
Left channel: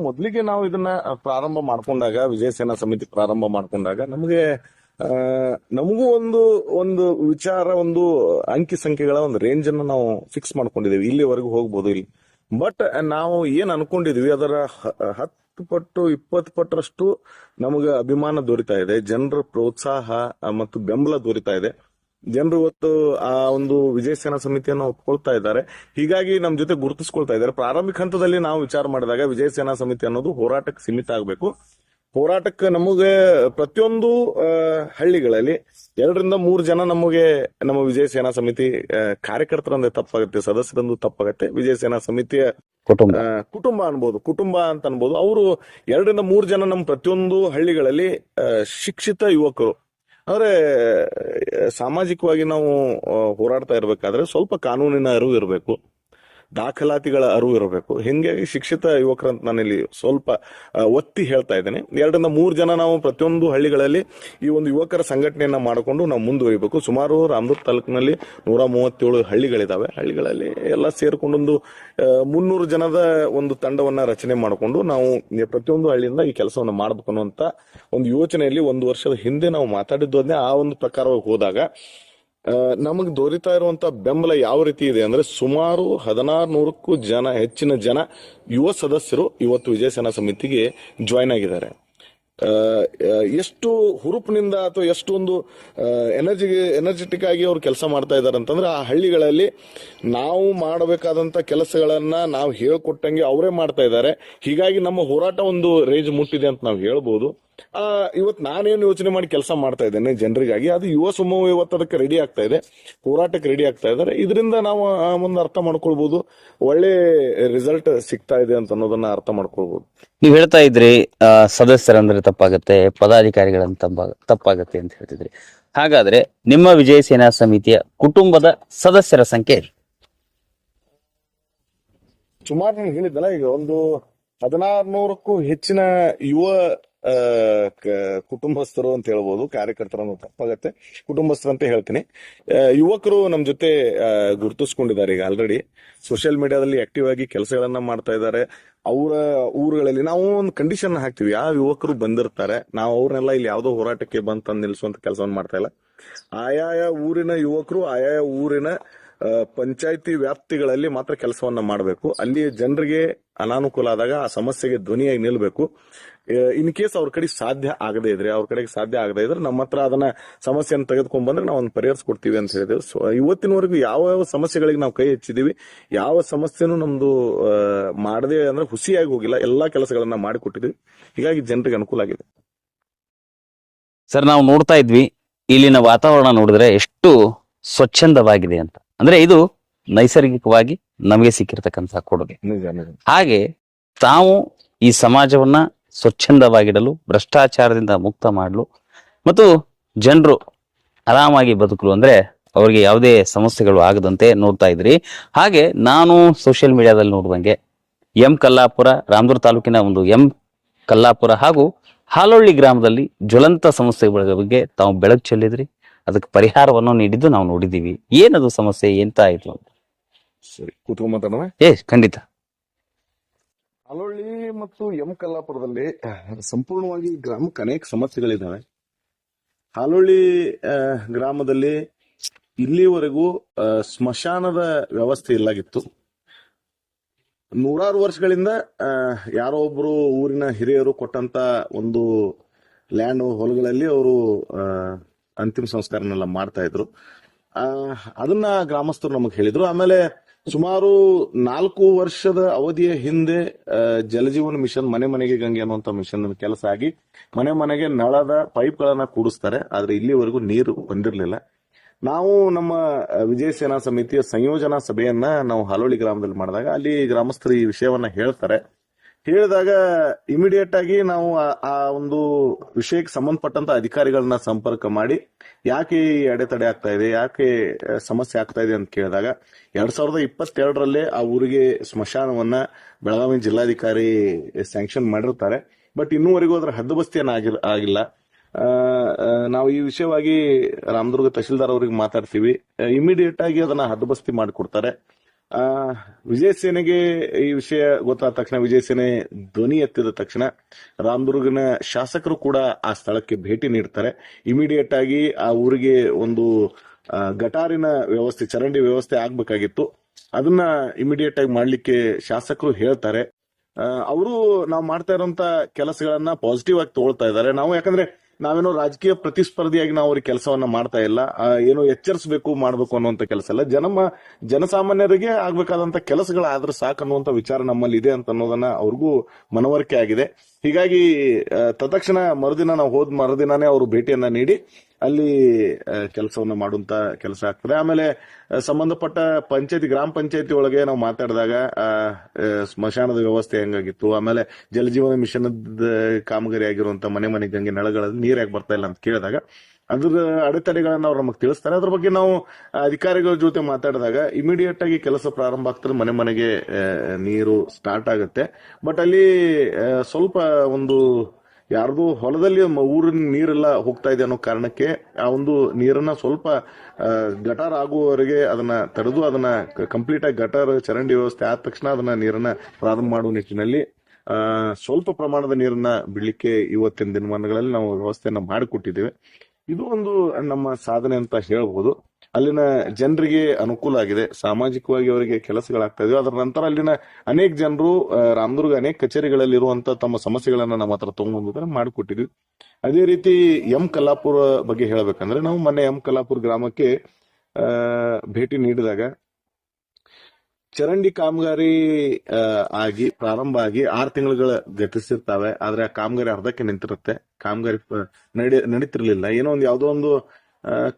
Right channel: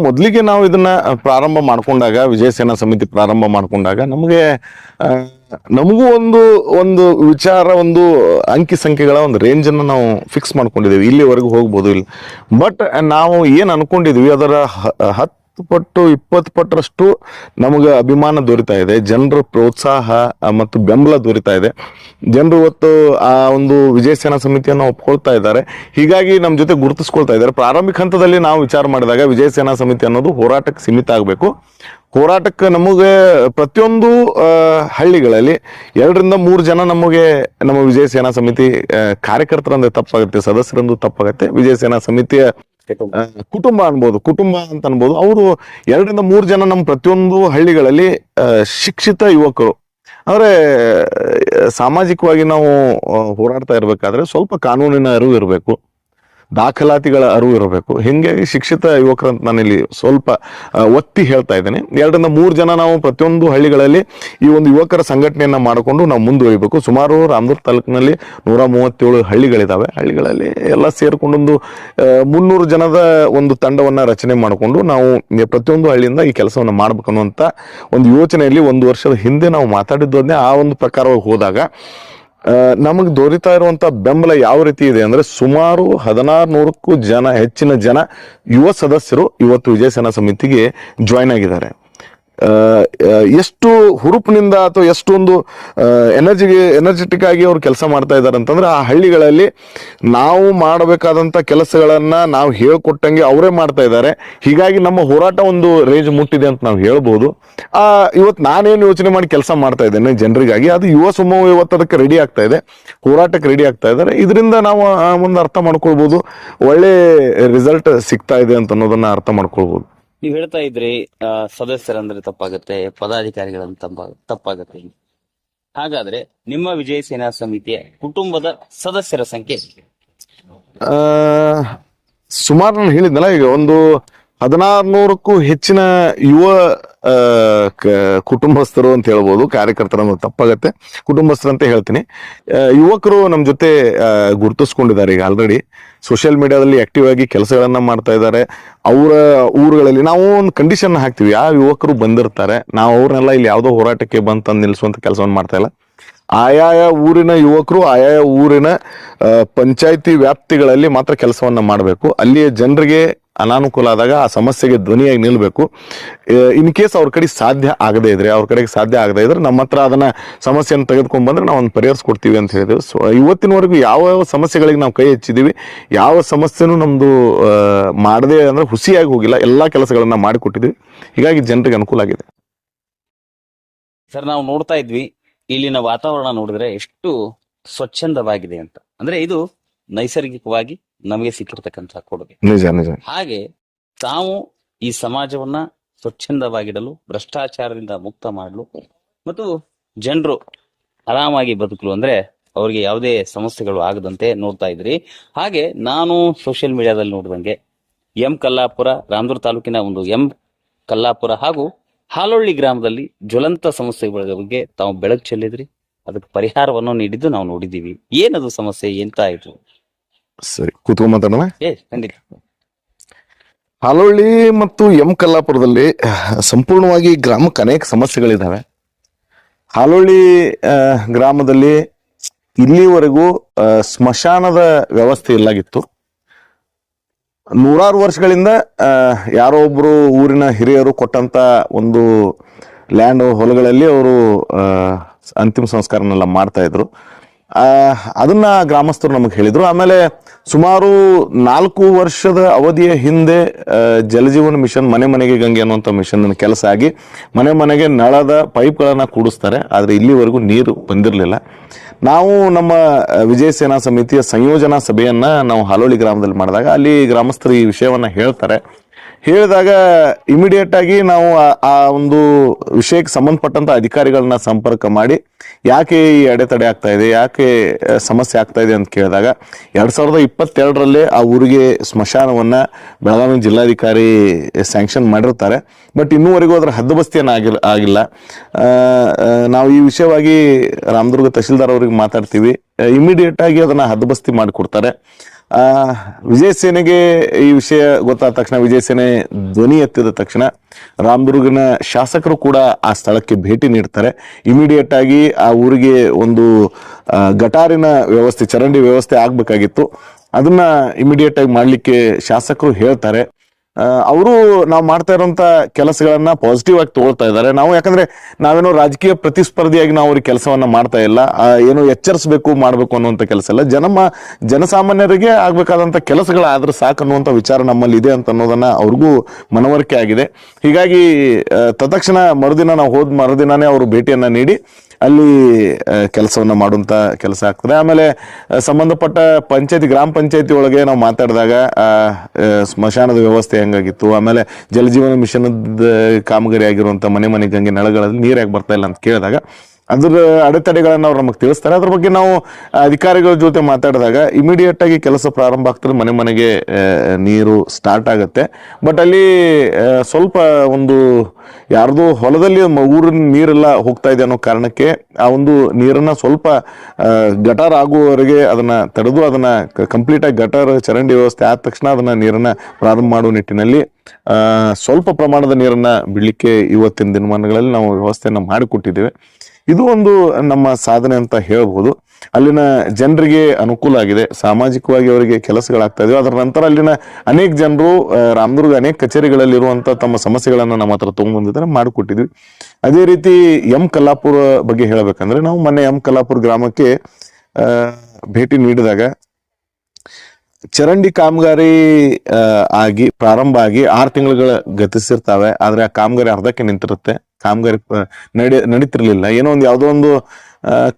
ಮೊದಲಿಗೆ ನಾವು ಇದನ್ನ ಪ್ರಾರಂಭ ಮಾಡ್ಕೊಂಡಾಗ, ವಿಜಯ ಸೇನಾ ಸಮಿತಿ ಪ್ರಾರಂಭ ಮಾಡ್ಕೊಂಡಾಗ ನಮಗೂ ಒಂದು ವಿಚಾರ, ಒಂದು ಅಂಕಿ ಸಂಖ್ಯೆಗಳ ಒಂದು ರೇಂಜ್ ಅನ್ನು ನಾವು ಫಿಕ್ಸ್ ಮಾಡ್ಕೊಂಡಿದ್ದೀವಿ. ಇಲ್ಲಿವರೆಗೂ ಹೋಗ್ಬೋದು ಇಲ್ಲ. ಬಟ್ ನಾವು ಏನ್ ಅನ್ಕೊಂಡಿದ್ವಿ ಅದರ 10 ಪಟ್ಟು 20 ಪಟ್ಟರಷ್ಟು ನಮಗೆ ಅಭಿಮಾನ ದೊರೀತಾ ಇದೆ, ಜನರ ಪ್ರೋತ್ಸಾಹ ಮತ್ತು ಬೆಂಬಲ ದೊರೀತಾ ಇದೆ. ಜನರು ಇವತ್ತು ಆ ಒಂದು ವಿಜಯ ಸೇನಾ ಸಮಿತಿಯನ್ನು ಒಪ್ಕೊಳ್ತಾ ಇದ್ದಾರೆ. ಹೀಗಾಗಿ ನಮ್ಮ ಜೊತೆ ಗುರುತಿಸ್ಕೊಳ್ತಾ ಇದ್ದಾರೆ. ಪ್ರಾರಂಭಿಕ ಹಂತದಲ್ಲಿ ನಾವು ವಿಚಾರ ಮಾಡಿದಾಗ ವಿಜಯ ಸೇನಾ ಸಮಿತಿ ಅನ್ನೋದು ಹೋರಾಟಕ್ಕೆ ಸೀಮಿತ ಆಗಬೇಕು. ಹೋರಾಟಕ್ಕೆ ನಮಗೆ ಪ್ರತಿಯೊಂದು ಹಳ್ಳಿಗಳಲ್ಲಿ 2ರಿಂದ 3 ಜನ ನಮಗೆ ನಮ್ಮ ವಿಜಯ ಸೇನಾ ಸಮಿತಿ ಕಾರ್ಯಕರ್ತರಂದ್ರೆ ತಪ್ಪಾಗುತ್ತೆ, ಸದಸ್ಯರಂದು ತಪ್ಪಾಗುತ್ತೆ. ವಿಜಯ ಸೇನಾ ಸಮಿತಿಯ ಕುಟುಂಬ ಕುಟುಂಬ ಅನ್ಬೋದು, ಕುಟುಂಬ ಅಂತ ಅನ್ಬೋದು. ಅವರು 2-3 ಜನ ನಮ್ಮ ಪ್ರತಿಯೊಂದು ಹಳ್ಳಿಗಳಲ್ಲಿ ಶಿಕ್ಷಿತ ಯುವಕರು. ಅಂದ್ರೆ ಸಾಮಾಜಿಕವಾಗಿ ನಾವು ಹೋರಾಡ್ತಾ ಇರ್ಬೇಕಾದ್ರೆ ಸ್ವಲ್ಪ ಕಾನೂನಿನ ಅರಿವು ಇರಬೇಕು, ದಾಖಲಾತಿಗಳ ಅರಿವು ಇರಬೇಕು. ಹಿಂಗಾಗಿ ಶಿಕ್ಷಿತ ಯುವಕರಂತ ನಾನಿಲ್ಲಿ ಸ್ವಲ್ಪ ಒತ್ತಿ ಹೇಳ್ತಾ ಇದ್ದೇನೆ. 2-3 ಜನ ನಾವು ಪ್ರತಿಯೊಂದು ಹಳ್ಳಿಗಳಲ್ಲಿ ಈ ಒಂದು ಯುವಕರ ಸಂಘಟನೆಯನ್ನ ಮಾಡಿಕೊಂಡು ನಾವು ಮುಂದುವರಿಬೇಕು. ಸುಮಾರು ರಾಮದುರ್ಗ ತಾಲೂಕಿನಲ್ಲಿ 137 ಹಳ್ಳಿಗಳಿದಾವೆ. ಹಳ್ಳಿಗಳಲ್ಲಿ ಎಲ್ಲ ಸೇರ್ಕೊಂಡೊಂದು 300 ಜನದ ಒಂದು ತಂಡವನ್ನ ರಚನೆ ಮಾಡಿಕೊಂಡು ನಾವು ಪ್ರತಿಯೊಂದು ಹಳ್ಳಿಯಿಂದ ಈ ಕೆಲಸವನ್ನ ಮಾಡ್ಬೇಕು ಅನ್ನುವಂತ ಒಂದು ಯೋಚನೆಯಲ್ಲಿ 1 ವರ್ಷದ ಹಿಂದೆ ನಾವು ಮಾತಾಡಿದ್ದನ್ನೇ ಆ ಒಂದು ಪ್ರಕಾರವಾಗಿ ಹೋದಾಗ ನಮಗೆ ದೊರೀತಾ ಇರುವಂತ ಬೆಂಬಲ ಯಾವ ರೀತಿ ಇದೆ ಅಂದ್ರೆ, ಸುಮಾರು 1600ಕ್ಕೂ ಹೆಚ್ಚಿನ ಜನ ಯುವ ಸದಸ್ಯರು ಇವತ್ತು ವಿಜಯ ಸೇನಾ ಸಮಿತಿಗೆ ಜಾಯ್ನ್ ಆಗಿದ್ದಾರೆ. ಎಷ್ಟು ಹುರುಪಿನಿಂದ ಅಥವಾ ಎಷ್ಟೊಂದು ಎನರ್ಜೆಟಿಕ್ ಆಗಿ ಅವ್ರು ಕೆಲಸ ಮಾಡ್ತಾ ಇದ್ದಾರೆ ಅಂತಂದ್ರೆ, ಆ ಹಳ್ಳಿಗಳಲ್ಲಿ ನಾವು ಮಾಡಬೇಕಾದಂತ ಕೆಲಸಗಳನ್ನ ನಾವು ಹೇಳ್ಕೊಟ್ಟಂಗೆ ಅವರೇ ಮಾಡ್ತಾ ಇದ್ದಾರೆ. ಹೀಗಾಗಿ ನಮ್ಮ ಹೋರಾಟ ಒಂದು ರೇಂಜ್ ಮುಟ್ಟಿದೆ ಅಂತ ನಾವು ಹೇಳ್ಬೋದು. ಇವತ್ತು ನಾನೇನು ಯೋಚನೆ ಮಾಡಿ ಕೆಲಸ ಮಾಡ್ತಾ ಇದ್ದೇನೆ ಜನರಿಗಾಗಿ, ಅದು ಯುವ ಸಮೂಹ ಇವತ್ತು ಅದಕ್ಕೆ ರೆಡಿ ಆಗ್ತಾ ಇದೆ, ಹೋರಾಟಕ್ಕೆ ರೆಡಿ ಆಗ್ತಾ ಇದ್ದಾರೆ. ಇದರಿಂದ ನಾವು ಒಂದು ಅರ್ಥ ಮಾಡ್ಕೊಳ್ಬಹುದು, ಒಳ್ಳೆ ರಿಸಲ್ಟ್ ಸಿಗ್ತಾ ಇದೆ ಅಂತ ಅನ್ನೋದನ್ನ ಅರ್ಥ ಮಾಡ್ಕೊಳ್ಬಹುದು. ನೀವ್ ಹೇಳ್ತಾ ಇದ್ರಿ ಸದಸ್ಯರಂದ್ರೆ ತಪ್ಪಾಗತ್ತೆ, ಪದಾಧಿಕಾರಿಗಳಂತ ತಪ್ಪಾಗತ್ತೆ ಅಂತ ಹೇಳ್ತಿದ್ರಿ. ಹಾಗಾದ್ರೆ ನಿಮ್ಮ ವಿಜಯ ಸೇನಾ ಸಮಿತಿಯ ಕುಟುಂಬದ ಸದಸ್ಯರ ಸಂಖ್ಯೆ ಸುಮಾರು ನಾನು ಹೇಳಿದ್ನಲ್ಲ, ಈಗ ಒಂದು 1600ಕ್ಕೂ ಹೆಚ್ಚಿನ ಯುವ ಕುಟುಂಬಸ್ಥರು ಅಂತ ಹೇಳ್ಬೋದು. ಕಾರ್ಯಕರ್ತರು ತಪ್ಪಾಗತ್ತೆ, ಕುಟುಂಬಸ್ಥರು ಅಂತ ಹೇಳ್ತೀನಿ. ಯುವಕರು ನಮ್ಮ ಜೊತೆ ಗುರುತಿಸ್ಕೊಂಡಿದ್ದಾರೆ. ಈಗ ಆಲ್ರೆಡಿ ಸೋಷಿಯಲ್ ಮೀಡಿಯಾದಲ್ಲಿ ಆಕ್ಟಿವ್ ಆಗಿ ಕೆಲಸಗಳನ್ನ ಮಾಡ್ತಾ ಇದ್ದಾರೆ. ಅವರ ಊರುಗಳಲ್ಲಿ ನಾವು ಒಂದು ಕಂಡೀಷನ್ ಹಾಕ್ತಿವಿ, ಯಾವ ಯುವಕರು ಬಂದಿರ್ತಾರೆ ನಾವು ಅವ್ರನ್ನೆಲ್ಲ ಇಲ್ಲಿ ಯಾವುದೋ ಹೋರಾಟಕ್ಕೆ ಬಂದು ನಿಲ್ಲಿಸುವಂತ ಕೆಲಸವನ್ನು ಮಾಡ್ತಾ ಇಲ್ಲ. ಆಯಾಯ ಊರಿನ ಯುವಕರು ಆಯಾಯ ಊರಿನ ಪಂಚಾಯಿತಿ ವ್ಯಾಪ್ತಿಗಳಲ್ಲಿ ಮಾತ್ರ ಕೆಲಸವನ್ನ ಮಾಡಬೇಕು. ಅಲ್ಲಿಯ ಜನರಿಗೆ ಅನಾನುಕೂಲ ಆದಾಗ ಆ ಸಮಸ್ಯೆಗೆ ಧ್ವನಿಯಾಗಿ ನಿಲ್ಬೇಕು. ಇನ್ ಕೇಸ್ ಅವ್ರ ಕಡೆ ಸಾಧ್ಯ ಆಗದೇ ಇದ್ರೆ, ನಮ್ಮ ಹತ್ರ ಅದನ್ನ ಸಮಸ್ಯೆಯನ್ನು ತೆಗೆದುಕೊಂಡ್ ಬಂದ್ರೆ ನಾವು ಒಂದು ಪರಿಹರಿಸ್ಕೊಡ್ತೀವಿ ಅಂತ ಹೇಳಿದ್ವಿ. ಸೊ ಇವತ್ತಿನವರೆಗೂ ಯಾವ ಸಮಸ್ಯೆಗಳಿಗೆ ನಾವು ಕೈ ಹಚ್ಚಿದೀವಿ, ಯಾವ ಸಮಸ್ಯೆನೂ ನಮ್ದು ಮಾಡದೆ ಅಂದ್ರೆ ಹುಸಿಯಾಗಿ ಹೋಗಿಲ್ಲ, ಎಲ್ಲಾ ಕೆಲಸಗಳನ್ನ ಮಾಡಿಕೊಟ್ಟಿದ್ವಿ. ಹೀಗಾಗಿ ಜನರಿಗೆ ಅನುಕೂಲ ಆಗಿದೆ. ಸರ್, ನಾವು ನೋಡ್ತಾ ಇದ್ವಿ ಇಲ್ಲಿನ ವಾತಾವರಣ ನೋಡಿದ್ರೆ ಎಷ್ಟು ಸ್ವಚ್ಛಂದವಾಗಿದೆ ಅಂತ. ಅಂದ್ರೆ ಇದು ನೈಸರ್ಗಿಕವಾಗಿ ನಮಗೆ ಸಿಕ್ಕಿರ್ತಕ್ಕಂತಹ ಕೊಡುಗೆ. ನಿಜ ನಿಜ. ಹಾಗೆ ತಾವು ಈ ಸಮಾಜವನ್ನ ಸ್ವಚ್ಛಂದವಾಗಿಡಲು, ಭ್ರಷ್ಟಾಚಾರದಿಂದ ಮುಕ್ತ ಮಾಡಲು ಮತ್ತು ಜನರು ಆರಾಮಾಗಿ ಬದುಕಲು, ಅಂದ್ರೆ ಅವರಿಗೆ ಯಾವುದೇ ಸಮಸ್ಯೆಗಳು ಆಗದಂತೆ ನೋಡ್ತಾ ಇದ್ರಿ. ಹಾಗೆ ನಾನು ಸೋಷಿಯಲ್ ಮೀಡಿಯಾದಲ್ಲಿ ನೋಡುವಂಗೆ ಕಲ್ಲಾಪುರ, ರಾಮದುರ್ಗ ತಾಲೂಕಿನ ಒಂದು ಕಲ್ಲಾಪುರ ಹಾಗೂ ಹಾಲೊಳ್ಳಿ ಗ್ರಾಮದಲ್ಲಿ ಜ್ವಲಂತ ಸಮಸ್ಯೆಗಳ ಬಗ್ಗೆ ತಾವು ಬೆಳಕು ಚೆಲ್ಲಿದ್ರಿ, ಅದಕ್ಕೆ ಪರಿಹಾರವನ್ನು ನೀಡಿದ್ದು ನಾವು ನೋಡಿದೀವಿ. ಏನದು ಸಮಸ್ಯೆ, ಎಂತ ಆಯ್ತು? ಸರಿ, ಕೂತ್ಕೊಂಡ್ ಮಾತಾಡೋಣ. ಖಂಡಿತ. ಹಾಲೊಳ್ಳಿ ಮತ್ತು ಕಲ್ಲಾಪುರದಲ್ಲಿ ಸಂಪೂರ್ಣವಾಗಿ ಗ್ರಾಮಕ್ಕೆ ಅನೇಕ ಸಮಸ್ಯೆಗಳಿದಾವೆ. ಹಾಲೊಳ್ಳಿ ಗ್ರಾಮದಲ್ಲಿ ಇಲ್ಲಿವರೆಗೂ ಸ್ಮಶಾನದ ವ್ಯವಸ್ಥೆ ಇಲ್ಲಾಗಿತ್ತು. 100 ವರ್ಷಗಳಿಂದ ಯಾರೋ ಒಬ್ರು ಊರಿನ ಹಿರಿಯರು ಕೊಟ್ಟಂತ ಒಂದು ಲ್ಯಾಂಡ್ ಹೊಲಗಳಲ್ಲಿ ಅವರು ಅಂತಿಮ ಸಂಸ್ಕಾರನೆಲ್ಲ ಮಾಡ್ತಾ ಇದ್ರು. ಅದನ್ನ ಗ್ರಾಮಸ್ಥರು ನಮಗೆ ಹೇಳಿದ್ರು. ಆಮೇಲೆ ಸುಮಾರು 4 ವರ್ಷದ ಅವಧಿಯ ಹಿಂದೆ ಜಲಜೀವನ ಮಿಷನ್ ಮನೆ ಮನೆಗೆ ಗಂಗೆ ಅನ್ನುವಂಥ ಮಿಷನ್ ಕೆಲಸ ಆಗಿ ಮನೆ ಮನೆಗೆ ನಳದ ಪೈಪ್ಗಳನ್ನ ಕೂಡಿಸ್ತಾರೆ. ಆದ್ರೆ ಇಲ್ಲಿವರೆಗೂ ನೀರು ಬಂದಿರಲಿಲ್ಲ. ನಾವು ನಮ್ಮ ವಿಜಯ ಸೇನಾ ಸಮಿತಿಯ ಸಂಯೋಜನಾ ಸಭೆಯನ್ನ ನಾವು ಹಾಲೊಳ್ಳಿ ಗ್ರಾಮದಲ್ಲಿ ಮಾಡಿದಾಗ ಅಲ್ಲಿ ಗ್ರಾಮಸ್ಥರು ಈ ವಿಷಯವನ್ನ ಹೇಳಿದಾಗ ಇಮಿಡಿಯೇಟ್ ಆಗಿ ನಾವು ಆ ಒಂದು ವಿಷಯಕ್ಕೆ ಸಂಬಂಧಪಟ್ಟಂತ ಅಧಿಕಾರಿಗಳನ್ನ ಸಂಪರ್ಕ ಮಾಡಿ ಯಾಕೆ ಈ ಅಡೆತಡೆ ಆಗ್ತಾ ಇದೆ, ಯಾಕೆ ಸಮಸ್ಯೆ ಆಗ್ತಾ ಇದೆ ಅಂತ ಕೇಳಿದಾಗ 2022ರಲ್ಲೇ ಆ ಊರಿಗೆ ಸ್ಮಶಾನವನ್ನ ಬೆಳಗಾವಿ ಜಿಲ್ಲಾಧಿಕಾರಿ ಸ್ಯಾಂಕ್ಷನ್ ಮಾಡಿರ್ತಾರೆ. ಬಟ್ ಇನ್ನೂವರೆಗೂ ಅದರ ಹದ್ದುಬಸ್ತಿಯನ್ನ ಆಗಿಲ್ಲ. ನಾವು ಈ ವಿಷಯವಾಗಿ ರಾಮದುರ್ಗ ತಹಶೀಲ್ದಾರ್ ಅವ್ರಿಗೆ ಮಾತಾಡ್ತೀವಿ. ಇಮಿಡಿಯೇಟ್ ಆಗಿ ಅದನ್ನ ಹದ್ದುಬಸ್ತಿ ಮಾಡಿಕೊಡ್ತಾರೆ. ವಿಜಯ ಸೇನೆಗೆ ಈ ವಿಷಯ ಗೊತ್ತಾದ ತಕ್ಷಣ, ವಿಜಯ ಸೇನೆ ಧ್ವನಿ ಎತ್ತಿದ ತಕ್ಷಣ ರಾಮದುರ್ಗನ ಶಾಸಕರು ಕೂಡ ಆ ಸ್ಥಳಕ್ಕೆ ಭೇಟಿ ನೀಡ್ತಾರೆ. ಇಮಿಡಿಯೇಟ್ ಆಗಿ ಆ ಊರಿಗೆ ಒಂದು ಗಟಾರಿನ ವ್ಯವಸ್ಥೆ, ಚರಂಡಿ ವ್ಯವಸ್ಥೆ ಆಗ್ಬೇಕಾಗಿತ್ತು. ಅದನ್ನ ಇಮಿಡಿಯೇಟ್ ಆಗಿ ಮಾಡ್ಲಿಕ್ಕೆ ಶಾಸಕರು ಹೇಳ್ತಾರೆ. ಅವರು ನಾವು ಮಾಡ್ತಾ ಇರುವಂತ ಕೆಲಸಗಳನ್ನ ಪಾಸಿಟಿವ್ ಆಗಿ ತಗೊಳ್ತಾ ಇದ್ದಾರೆ. ಯಾಕಂದ್ರೆ ನಾವೇನೋ ರಾಜಕೀಯ ಪ್ರತಿಸ್ಪರ್ಧಿಯಾಗಿ ನಾವು ಅವ್ರಿಗೆ ಕೆಲಸವನ್ನ ಮಾಡ್ತಾ ಇಲ್ಲ, ಏನೋ ಎಚ್ಚರಿಸಬೇಕು ಮಾಡ್ಬೇಕು ಅನ್ನುವಂತ ಕೆಲಸ ಇಲ್ಲ. ಜನಸಾಮಾನ್ಯರಿಗೆ ಆಗ್ಬೇಕಾದಂತ ಕೆಲಸಗಳಾದ್ರೆ ಸಾಕು ಅನ್ನುವಂತ ವಿಚಾರ ನಮ್ಮಲ್ಲಿ ಇದೆ ಅಂತ ಅನ್ನೋದನ್ನ ಅವ್ರಿಗೂ ಮನವರಿಕೆ ಆಗಿದೆ. ಹೀಗಾಗಿ ತತ್ಕ್ಷಣ ಮರುದಿನ ನಾವು ಮರುದಿನನೇ ಅವರು ಭೇಟಿಯನ್ನ ನೀಡಿ ಅಲ್ಲಿ ಕೆಲಸವನ್ನ ಮಾಡುವಂತ ಕೆಲಸ ಆಗ್ತದೆ. ಆಮೇಲೆ ಸಂಬಂಧಪಟ್ಟ ಗ್ರಾಮ ಪಂಚಾಯತಿ ಒಳಗೆ ನಾವು ಮಾತಾಡಿದಾಗ ಸ್ಮಶಾನದ ವ್ಯವಸ್ಥೆ ಹೆಂಗಾಗಿತ್ತು, ಆಮೇಲೆ ಜಲಜೀವನ ಮಿಷನ್ ಕಾಮಗಾರಿ ಆಗಿರುವಂತ ಮನೆ ಮನೆಗೆ ನಳಗಳಲ್ಲಿ ನೀರು ಯಾಕೆ ಬರ್ತಾ ಇಲ್ಲ ಅಂತ ಕೇಳಿದಾಗ ಅದ್ರ ಅಡೆತಡೆಗಳನ್ನ ಅವ್ರು ನಮಗೆ ತಿಳಿಸ್ತಾರೆ. ಅದ್ರ ಬಗ್ಗೆ ನಾವು ಅಧಿಕಾರಿಗಳ ಜೊತೆ ಮಾತಾಡಿದಾಗ ಇಮಿಡಿಯೇಟ್ ಆಗಿ ಕೆಲಸ ಪ್ರಾರಂಭ ಆಗ್ತದೆ, ಮನೆ ಮನೆಗೆ ನೀರು ಸ್ಟಾರ್ಟ್ ಆಗುತ್ತೆ. ಬಟ್ ಅಲ್ಲಿ ಸ್ವಲ್ಪ ಒಂದು ಯಾರ್ದು ಹೊಲದಲ್ಲಿ ಊರಿನ ನೀರೆಲ್ಲ ಹೋಗ್ತಾ ಇದೆ ಅನ್ನೋ ಕಾರಣಕ್ಕೆ ಆ ಒಂದು ನೀರನ್ನ ಸ್ವಲ್ಪ ಗಟಾರ್ ಆಗುವವರೆಗೆ ಅದನ್ನ ತಡೆದು ಅದನ್ನ ಕಂಪ್ಲೀಟ್ ಆಗಿ ಗಟಾರ್ ಚರಂಡಿ ವ್ಯವಸ್ಥೆ ಆದ ತಕ್ಷಣ ಅದನ್ನ ನೀರನ್ನ ಪ್ರಾರಂಭ ಮಾಡುವ ನಿಟ್ಟಿನಲ್ಲಿ ಸ್ವಲ್ಪ ಪ್ರಮಾಣದ ನೀರನ್ನ ಬಿಡ್ಲಿಕ್ಕೆ ಇವತ್ತಿನ ದಿನಮಾನಗಳಲ್ಲಿ ನಾವು ವ್ಯವಸ್ಥೆಯನ್ನ ಮಾಡಿಕೊಟ್ಟಿದ್ದೇವೆ. ಇದು ಒಂದು ನಮ್ಮ ಸಾಧನೆ ಅಂತ ಹೇಳ್ಬೋದು. ಅಲ್ಲಿನ ಜನರಿಗೆ ಅನುಕೂಲ ಆಗಿದೆ, ಸಾಮಾಜಿಕವಾಗಿ ಅವರಿಗೆ ಕೆಲಸಗಳಾಗ್ತಾ ಇದಾವೆ. ಅದರ ನಂತರ ಅಲ್ಲಿನ ಅನೇಕ ಜನರು ರಾಮದುರ್ಗ ಅನೇಕ ಕಚೇರಿಗಳಲ್ಲಿರುವಂತ ತಮ್ಮ ಸಮಸ್ಯೆಗಳನ್ನ ನಮ್ಮ ಹತ್ರ ತಗೊಂಡ್ಬಂದಿದ್ದಾರೆ, ಮಾಡಿಕೊಟ್ಟಿದ್ವಿ. ಅದೇ ರೀತಿ ಕಲ್ಲಾಪುರ ಬಗ್ಗೆ ಹೇಳ್ಬೇಕಂದ್ರೆ ನಾವು ಮೊನ್ನೆ ಕಲ್ಲಾಪುರ ಗ್ರಾಮಕ್ಕೆ ಭೇಟಿ ನೀಡಿದಾಗ ಚರಂಡಿ ಕಾಮಗಾರಿ ಪ್ರಾರಂಭ ಆಗಿ 6 ತಿಂಗಳುಗಳ ಗತಿಸಿರ್ತಾವೆ. ಆದ್ರೆ ಆ ಕಾಮಗಾರಿ ಅರ್ಧಕ್ಕೆ ನಿಂತಿರುತ್ತೆ, ಕಾಮಗಾರಿ ನಡೀತಿರ್ಲಿಲ್ಲ. ಏನೋ ಒಂದು ಯಾವುದೋ ಒಂದು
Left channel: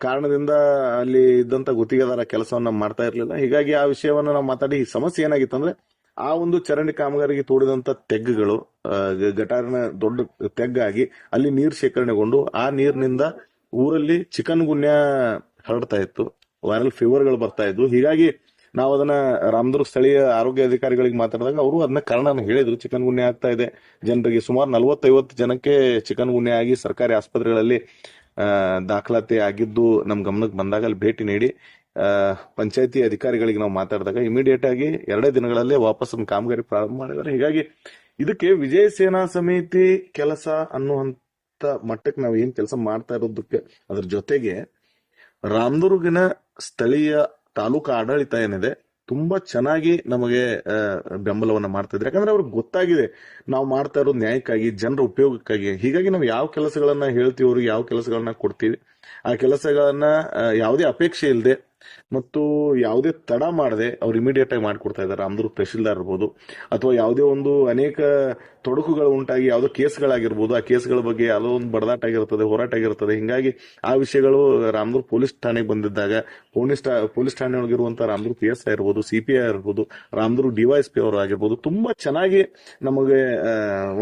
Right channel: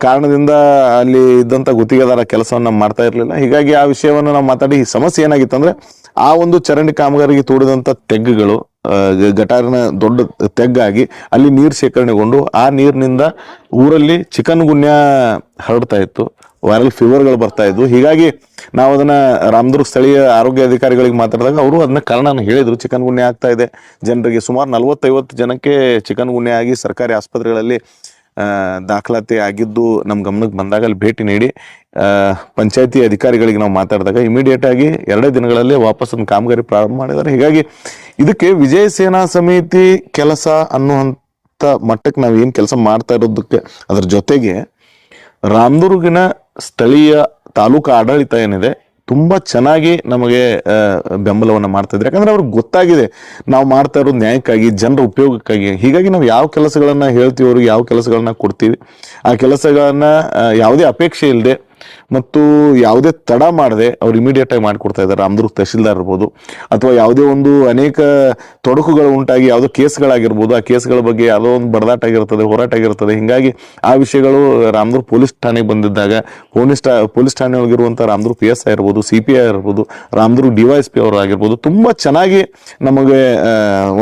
ಕಾರಣದಿಂದ ಅಲ್ಲಿ ಇದ್ದಂತ ಗುತ್ತಿಗೆದಾರ ಕೆಲಸವನ್ನ ಮಾಡ್ತಾ ಇರ್ಲಿಲ್ಲ. ಹೀಗಾಗಿ ಆ ವಿಷಯವನ್ನ ನಾವು ಮಾತಾಡಿ ಸಮಸ್ಯೆ ಏನಾಗಿತ್ತು ಅಂದ್ರೆ ಆ ಒಂದು ಚರಂಡಿ ಕಾಮಗಾರಿಗೆ ತೋಡಿದಂತ ತೆಗ್ಗುಗಳು ಗಟಾರಿನ ದೊಡ್ಡ ತೆಗ್ಗಾಗಿ ಅಲ್ಲಿ ನೀರು ಶೇಖರಣೆಗೊಂಡು ಆ ನೀರಿನಿಂದ ಊರಲ್ಲಿ ಚಿಕನ್ ಗುನ್ಯಾ ಹರಡ್ತಾ ಇತ್ತು, ವೈರಲ್ ಫೀವರ್ಗಳು ಬರ್ತಾ ಇದ್ವು. ಹೀಗಾಗಿ ನಾವು ಅದನ್ನ ರಾಮದುರ್ಗ ಸ್ಥಳೀಯ ಆರೋಗ್ಯ ಅಧಿಕಾರಿಗಳಿಗೆ ಮಾತಾಡಿದಾಗ ಅವರು ಅದನ್ನ ಕಾರಣ ಹೇಳಿದ್ರು. ಚಿಕನ್ ಗುನ್ಯಾ ಆಗ್ತಾ ಇದೆ ಜನರಿಗೆ, ಸುಮಾರು 40-50 ಜನಕ್ಕೆ ಚಿಕನ್ ಗುನ್ಯಾ ಆಗಿ ಸರ್ಕಾರಿ ಆಸ್ಪತ್ರೆಗಳಲ್ಲಿ ದಾಖಲಾತಿ ಆಗಿದ್ದು ನಮ್ ಗಮನಕ್ಕೆ ಬಂದಾಗ ಅಲ್ಲಿ ಭೇಟಿ ನೀಡಿ ಪಂಚಾಯತಿ ಅಧಿಕಾರಿಗಳಿಗೆ ನಾವು ಮಾತಾಡಿದಾಗ ಇಮಿಡಿಯೇಟ್ ಆಗಿ 2 ದಿನಗಳಲ್ಲಿ ವಾಪಸ್ ಕಾಮಗಾರಿ ಪ್ರಾರಂಭ ಮಾಡಿದ್ದಾರೆ. ಹೀಗಾಗಿ ಇದಕ್ಕೆ ವಿಜಯ ಸೇನಾ ಸಮಿತಿ ಕೆಲಸ ಅನ್ನುವಂತ ಮಟ್ಟಕ್ಕೆ ನಾವು ಏನ್ ಕೆಲಸ ಮಾಡ್ತಾ ಇರೋದಕ್ಕೆ ಅದ್ರ ಜೊತೆಗೆ ರಾಮದುರ್ಗಿನ ಸ್ಥಳೀಯ ತಾಲೂಕು ಆಡಳಿತ ಏನಿದೆ ತುಂಬಾ ಚೆನ್ನಾಗಿ ನಮಗೆ ಬೆಂಬಲವನ್ನ ಮಾಡ್ತಾ ಇದ್ದಾರೆ. ಯಾಕಂದ್ರೆ ಅವ್ರಿಗೆ ಗೊತ್ತಾಗಿದೆ ನಾವು ಮಾಡ್ತಾ ಇರೋದು ನ್ಯಾಯಕ್ಕಾಗಿ, ಜನರ ಉಪಯೋಗಕ್ಕಾಗಿ. ಹೀಗಾಗಿ ನಾವು ಯಾವ ಕೆಲಸಗಳನ್ನ ಹೇಳ್ತೀವಿ, ಅವ್ರಿಗೆ ಯಾವ ಕೆಲಸಗಳನ್ನ ಕೊಡ್ತೀವಿ, ಆ ಕೆಲಸಗಳನ್ನ ಯಾವುದೇ ಅಪೇಕ್ಷೆ ಇಲ್ಲದೆ ಮತ್ತು ಯಾವುದೇ ತಡ ಮಾಡದೆ ಅವ್ರು ಇಮಿಡಿಯೇಟ್ ಆಗಿ ಮಾಡಿಕೊಡ್ತಾ ಇದ್ದಾರೆ. ರಾಮದುರ್ಗ ತಹಶೀಲ್ದಾರ್ ಇರ್ಬೋದು ಅಥವಾ ಯಾವುದೇ ಒಂದು ಅನೇಕ ತೊಡಕುಗಳು ಉಂಟಾಗಿ ಯಾವುದೋ ಕೇಸ್ಗಳಾಗಿರ್ಬೋದು, ಆ ಕೇಸ್ಗಳ ಬಗ್ಗೆ ಯಾವುದೋ ಒಂದು ಬಡದಾಟ ಆಗಿರ್ತದೆ, ಹೋರಾಟ ಆಗಿರ್ತದೆ. ಹಿಂಗಾಗಿ ಆ ವಿಷಯಗಳು ರಾಮದುರ್ಗ ಪೊಲೀಸ್ ಠಾಣೆಗೆ ಬಂದಿದ್ದಾಗ ಪೊಲೀಸ್ ಠಾಣೆ ಒಳಗಿರುವಂತ ರಾಮದುರ್ಗ PSI ಇರ್ಬೋದು, CPI ಇರ್ಬೋದು, ರಾಮದುರ್ಗ DYSP ಅವರು ಆಗಿರ್ಬೋದು ತುಂಬಾ ಚೆನ್ನಾಗಿ ನಮಗೆ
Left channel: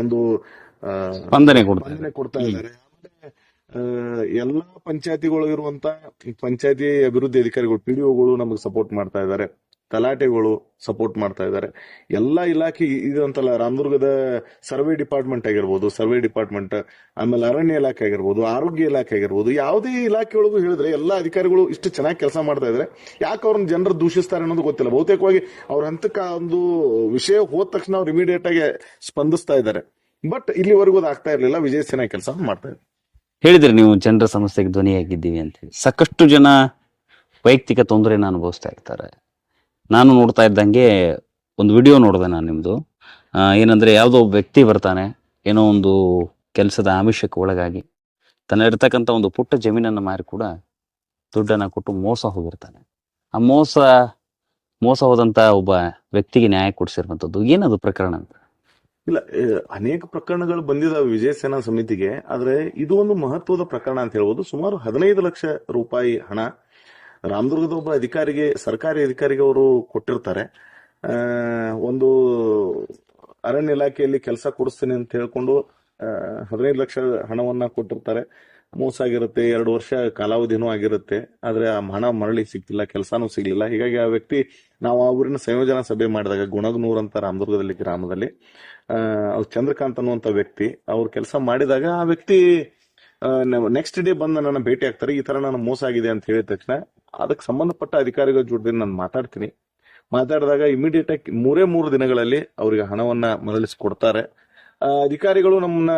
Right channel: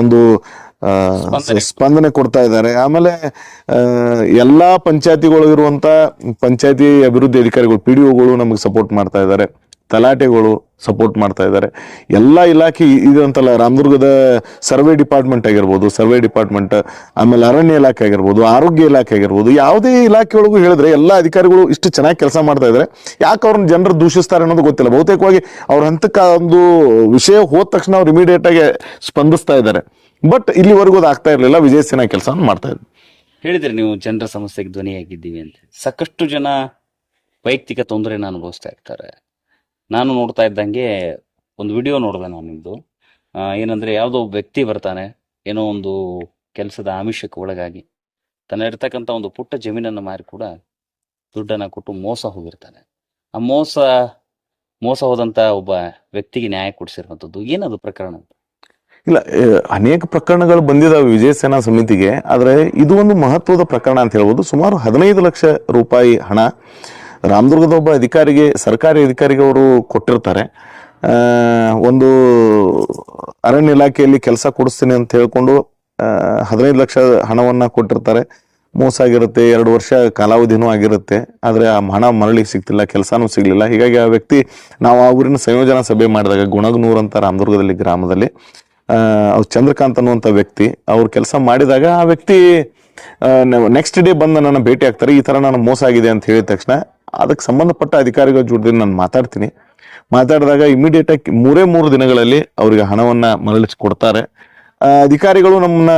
ಒಂದು ಸ್ಪಂದನೆ ಕೊಡ್ತಾ ಇದ್ದಾರೆ. ಆಮೇಲೆ ಎಲ್ಲಾ ಪಂಚಾಯತಿಗಳಿರುವಂತ ಪಂಚಾಯತಿ ಅಭಿವೃದ್ಧಿ ಅಧಿಕಾರಿಗಳು PDOಗಳು ನಮಗೆ ಸಪೋರ್ಟ್ ಮಾಡ್ತಾ ಇದ್ದಾರೆ, ತಲಾಟೆಗಳು ಸಪೋರ್ಟ್ ಮಾಡ್ತಾ ಇದ್ದಾರೆ. ಎಲ್ಲಾ ಇಲಾಖೆ ಇದಂತಲ್ಲ, ರಾಮದುರ್ಗದ ಸರ್ವೆ ಡಿಪಾರ್ಟ್ಮೆಂಟ್ ಆಗಿರ್ಬೋದು, ಆಮೇಲೆ ಅರಣ್ಯ ಇಲಾಖೆ ಆಗಿರ್ಬೋದು, ಆರೋಗ್ಯ ಇಲಾಖೆ ಆಗಿರ್ಬೋದು, ಯಾವುದೇ ಇಲಾಖೆಯೊಳಗೂ ಹೇಳಿದ್ರೆ ಎಲ್ಲಾ ಅಧಿಕಾರಿಗಳು ಇಷ್ಟು ಚೆನ್ನಾಗಿ ಕೆಲಸ ಮಾಡ್ತಾ ಇದ್ದಾರೆ. ಯಾಕೆ ಅವ್ರನ್ನ ಜನರು ದೂಷಿಸ್ತಾರೆ ಅನ್ನೋದು ಗೊತ್ತಿಲ್ಲ. ಬಹುತೇಕವಾಗಿ ಅವ್ರ ಹಂತಕ್ಕೆ ಒಂದು ವಿಷಯ ಹೋದ ತಕ್ಷಣ ಅವ್ರು ಇಮಿಡಿಯೇಟ್ ಆಗಿ ಸ್ಪಂದಿಸ್ತಾ ಇದ್ದಾರೆ. ಬಟ್ ಇಲ್ಲಿವರೆಗೂ ಅದು ಆಗ್ತಾ ಇರಲಿಲ್ಲ. ವಿಜಯ ಸೇನಾ ಕೆಲಸ ಮಾಡ್ತಾ ಇದ್ವಿ. ಹೇಳಿದ್ರಿ ನೀವು ಜನರ ಸಮಸ್ಯೆಗೆ ಧ್ವನಿಯಾಗಿದ್ದೀವಿ ಅಂತ ಹೇಳಿ. ಸಾಕಷ್ಟು ಜನ ವೈಯಕ್ತಿಕ ತೊಂದರೆನ ಅನುಭವಿಸ್ತಾ ಇರ್ತಾರೆ. ನಾನು ನೋಡ್ತಾ ಇದ್ದಂಗೆ ಒಂದು ವಿಡಿಯೋ ನೋಡಿದೆ ನಾನು ನಿಮ್ದು. ಏನಂದ್ರೆ ಯಾವುದೋ ಒಬ್ಬ ವ್ಯಕ್ತಿ ಬರ್ತಾನೆ, ಏನೋ ಒಂದು ಕೆಲಸದ ಆಮಿಷಕ್ಕೆ ಒಳಗಾಗಿ ತನ್ನ ಇರ್ತಕ್ಕಂಥ ಒಂದು ಪುಟ್ಟ ಜಮೀನನ್ನು ಮಾರಿ ಕೂಡ ದುಡ್ಡನ್ನ ಕೊಟ್ಟು ಮೋಸ ಹೋಗಿರ್ತಾನೆ. ಆ ಮೋಸ ಹೋದಂತ ಒಬ್ಬ ವ್ಯಕ್ತಿಗೆ ನ್ಯಾಯ ಕೊಡಿಸಿರುವಂಥದ್ದು ಏನದು ಪ್ರಕರಣ ಅಂತ? ಇಲ್ಲ, ಅನೇಕ ಪ್ರಕರಣಗಳು ಬಂದಿದಾವೆ ವಿಜಯ ಸೇನಾ ಸಮಿತಿಗೆ. ಆದ್ರೆ ಇದು ಒಂದು ಮಹತ್ವದ ಪ್ರಕರಣ ಅಂತ ಹೇಳ್ಬೋದು. ಸುಮಾರು 15 ಲಕ್ಷ ರೂಪಾಯಿ ಹಣ ರಾಮದುರ್ಗದ ಒಬ್ಬ ಅಧಿಕಾರಿಗೆ, ಸರ್ಕಾರಿ ಅಧಿಕಾರಿಗೆ ಅವರು ಕೊಟ್ಟಿರ್ತಾರೆ. ಒಂದು ಅರಣ್ಯ ಇಲಾಖೆಯಲ್ಲಿ ಕೆಲಸ ಕೊಡಿಸ್ತೀನಿ ಅಂತ ಹೇಳ್ಕೊಂಡು 15 ಲಕ್ಷ ಹಣವನ್ನ ಕೊಟ್ಟಿರ್ತಾರೆ. ಮೋಸ ಆಗಿರುತ್ತೆ, 2 ವರ್ಷ ಕಾಲಾವಧಿನೂ ಆಗಿರುತ್ತೆ. ಆದ್ರೆ ಆ ಹಣ ಮರಳಿ ಸಿಗ್ತಿಲ್ಲ, ಕೆಲಸನೂ ಸಿಗ್ಲಿಲ್ಲ. ಹೀಗಾಗಿ ಆ ವ್ಯಕ್ತಿ, ನಾವು ಆ ಊರಿನ ಸಂಯೋಜನಾ ಸಭೆ ಮಾಡಿದಾಗ ಗುಣಗನೂರ್ ಅಂತ ರಾಮದುರ್ಗದಲ್ಲಿ ಗ್ರಾಮದಲ್ಲಿ ಅವ್ರು ಚಂದ್ರಕಾಂತ್ ಅನ್ನುವಂಥ ವ್ಯಕ್ತಿ ಅವ್ರು ಕೆಲಸ ಮಾಡಿದಾಗ ಆ ವ್ಯಕ್ತಿ ನೆಕ್ಸ್ಟ್ ಡೇ ಬಂದು ನನ್ನ ಭೇಟಿ ಆಗ್ತಾರೆ. ಈ ತರ ನಾನು ಮೋಸ ಆಗಿದೆ ಅಂತ ಹೇಳಿದ ತಕ್ಷಣ ಅದಕ್ಕೆ ಸಂಬಂಧಪಟ್ಟ ಅಧಿಕಾರಿಗಳ ಜೊತೆ ನಾನು ಮಾತಾಡಿದಾಗ ಇಮಿಡಿಯೇಟ್ ಆಗಿ 3 ದಿನಗಳಲ್ಲಿ ಅವರಿಗೆ ಹಣವನ್ನ ಮರಳಿಸಿ ಕೊಡ್ತಾರೆ. ಅಧಿಕಾರಿಗಳು ನಮ್ಮನ್ನ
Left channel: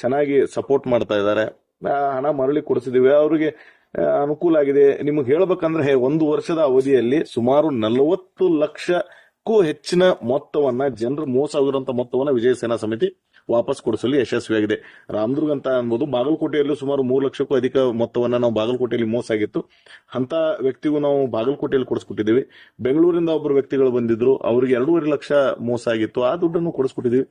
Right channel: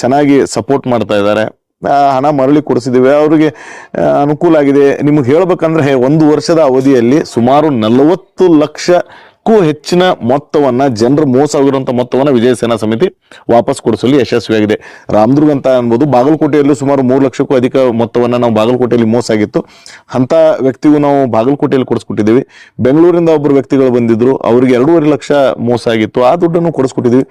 ಚೆನ್ನಾಗಿ ಸಪೋರ್ಟ್ ಮಾಡ್ತಾ ಇದ್ದಾರೆ. ಹಣ ಮರಳಿ ಕೊಡಿಸಿದಿವೆ, ಅವ್ರಿಗೆ ಅನುಕೂಲ ಆಗಿದೆ. ನಿಮ್ಗೆ ಹೇಳ್ಬೇಕಂದ್ರೆ 1 ವರ್ಷದ ಅವಧಿಯಲ್ಲಿ ಸುಮಾರು 40 ಲಕ್ಷ ಹೆಚ್ಚಿನ ಮೊತ್ತವನ್ನ ಜನರು ಮೋಸ ಆಗಿರುವಂತ ಮೊತ್ತವನ್ನ ವಿಜಯ ಸೇನಾ ಸಮಿತಿ ವಾಪಸ್ ಕೊಡಿಸಲು ಯಶಸ್ವಿಯಾಗಿದೆ. ರಾಮದುರ್ಗ ಅಂತ ಅನ್ಬೋದು, ಬಾಗಲಕೋಟೆಯಲ್ಲೂ ಸುಮಾರು 3 ಲಕ್ಷಕ್ಕೂ ಅಧಿಕ ಮೊತ್ತವನ್ನ ನಾವು ಬಾಗಲಕೋಟೆಯಲ್ಲಿ ಮೋಸ ಆಗಿತ್ತು, ಅಂತ ವ್ಯಕ್ತಿಗೂ ನಾವು ಬಾಗಲಕೋಟೆಯಲ್ಲಿ ಕೊಡಿಸ್ಕೊಟ್ಟಿದ್ದೀವಿ. ಬೆಂಗಳೂರಿಂದ ಒಬ್ಬರು ವ್ಯಕ್ತಿಗಳು ಬಂದಿದ್ರು, ಅವ್ರಿಗೆ 2.5 ಲಕ್ಷ ಮೋಸ ಆಗಿತ್ತು, ಆ ದುಡ್ಡನ್ನು ಕೊಡಿಸ್ಕೊಟ್ಟಿದ್ವಿ.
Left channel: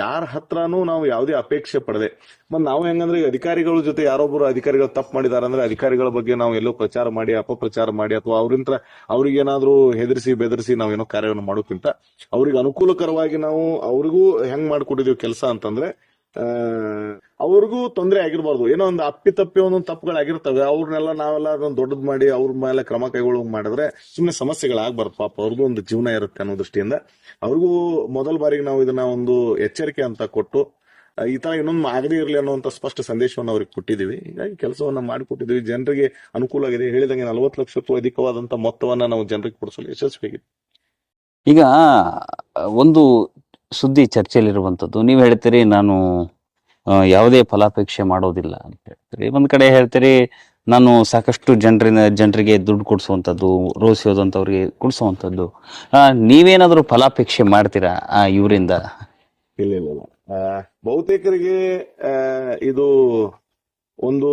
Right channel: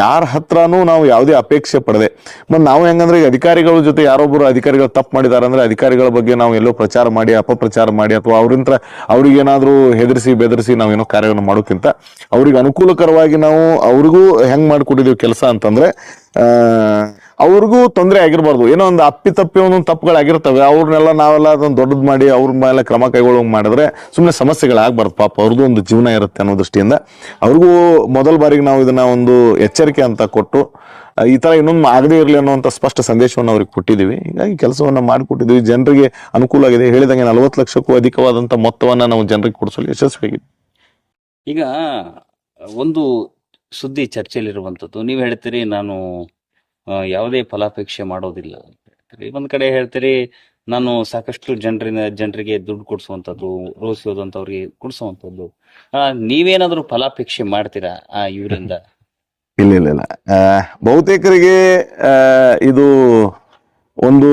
ಯಾರ ಹತ್ರನೂ ನಾವು ಯಾವುದೇ ಅಪೇಕ್ಷೆ ಪಡದೆ. ಮತ್ತೆ ನಾವು ಹೆಂಗಂದ್ರೆ ಈಗ ಅಧಿಕಾರಿಗಳ ಜೊತೆ ಯಾರೊಬ್ಬರು ಅಧಿಕಾರಿಗಳು ತಪ್ಪು ಮಾಡಿದಾರೆ ಅಂದ್ರೆ ಅಧಿಕಾರಿಗಳ ಬಗ್ಗೆ ನಾವು ಎಲ್ಲೋ ಪ್ರಚಾರ ಮಾಡಿ ಅಪಪ್ರಚಾರ ಮಾಡಿ ಅಥವಾ ಅವ್ರಿಗೆ ಏನಾದ್ರೂ ಹೆದರಿಸಿ ಬೆದರಿಸಿ ನಾವೇನೋ ಕಾರ್ಯವನ್ನು ಮಾಡೋಕ್ಕಿಂತ ಅವ್ರಿಗೆ ಅನುಕೂಲಕರವಾಗಿ ನಾವು ಅವ್ರಿಗೂ ಹೆಂಗ್ ಮಾಡ್ಕೊಟ್ಟಿದೀವಿ ಕೆಲಸ ಅಂತಂದ್ರೆ ಅವ್ರಿಗೂ ತೊಂದರೆ ಆಗಿರ್ಬಾರ್ದು. ಏನೋ ಒಂದು ಅಪ್ಪಿತಪ್ಪಿ ಒಂದೊಂದು ತಪ್ಪುಗಳಾಗಿರ್ತವೆ, ಅವ್ರನ್ನೆಲ್ಲ ನಾವೆಲ್ಲ ಅದೊಂದು ದೊಡ್ಡದು ಮಾಡಿ ಅವ್ರ ಮೇಲೆ ಕ್ರಮ ಕೈಗೊಳ್ಳೋಂಗ್ ಮಾಡಿದ್ರೆ ಸುಮ್ಮನೆ ಸಮಸ್ಯೆಗಳಾಗಬಾರ್ದು. ಪಾಪ ಅವ್ರದ್ದು ಒಂದು ಜೀವನ ಇರುತ್ತೆ ಅನ್ನೋ ದೃಷ್ಟಿಯಿಂದ ಅವ್ರಿಗೂ ಮೊದಲ ಬಾರಿಗೆ ನಾವು ಇದನ್ನ ಒಂದು ಎಚ್ಚರಿಕೆ ಅಂತ ಕೊಟ್ಟು ಈ ತರ ಇನ್ನೊಂದು ಆಗದೇ ಇರಲಿ ಅನ್ನುವಂಥ ಸ್ಪಷ್ಟ ಸಂದೇಶವನ್ನು ಅವ್ರಿಗೆ ಕೊಟ್ಟಿದ್ದೀವಿ. ಹೀಗಾಗಿ ಕೆಲಸವನ್ನ ಮಾಡಿಕೊಟ್ಟಿದ್ದೀವಿ, ಜನರಿಗೆ ಅನುಕೂಲ ಆಗಿದೆ. ಹೇಳಿದಂಗೆ 40 ಲಕ್ಷಕ್ಕೂ ಅಧಿಕವಾದಂಥ ಮೊತ್ತವನ್ನ ನಾವು ಜನರಿಗೆ ಕೊಡಿಸಲು ಯಶಸ್ವಿಯಾಗಿದೆ. ಈಗ ಒಂದು ಸುದ್ದಿ ಚರ್ಚೆಯಲ್ಲಿರುವಂಥದ್ದು, ನೀವು ಹೇಳ್ತೀರಿ ನಾನು ಯಾವುದೇ ಫಲಾಪೇಕ್ಷೆ ಮಾಡೋದಿಲ್ಲ ಅಂತ ಹೇಳ್ತೀರಿ. ಒಂದ್ ಕಡೆ ಹೇಳ್ತೀರಿ ನಾನು ಸಾಕಷ್ಟು ಜನರಿಗೆ ದುಡ್ಡು ಕೊಡಿಸುವಂಥದ್ದು, ರೋಸಿ ಹೋದಂಥವ್ರಿಗೆ ಕೊಡಿಸುವಂಥದ್ದು. ನೀವೇನಾದ್ರೂ ಫಲಾಪೇಕ್ಷೆ ಮಾಡ್ತೀರಾ ಇವರಿಂದ? ಇಲ್ಲ. ಬಹುತೇಕರಿಗೆ ಇದು ಒಂದು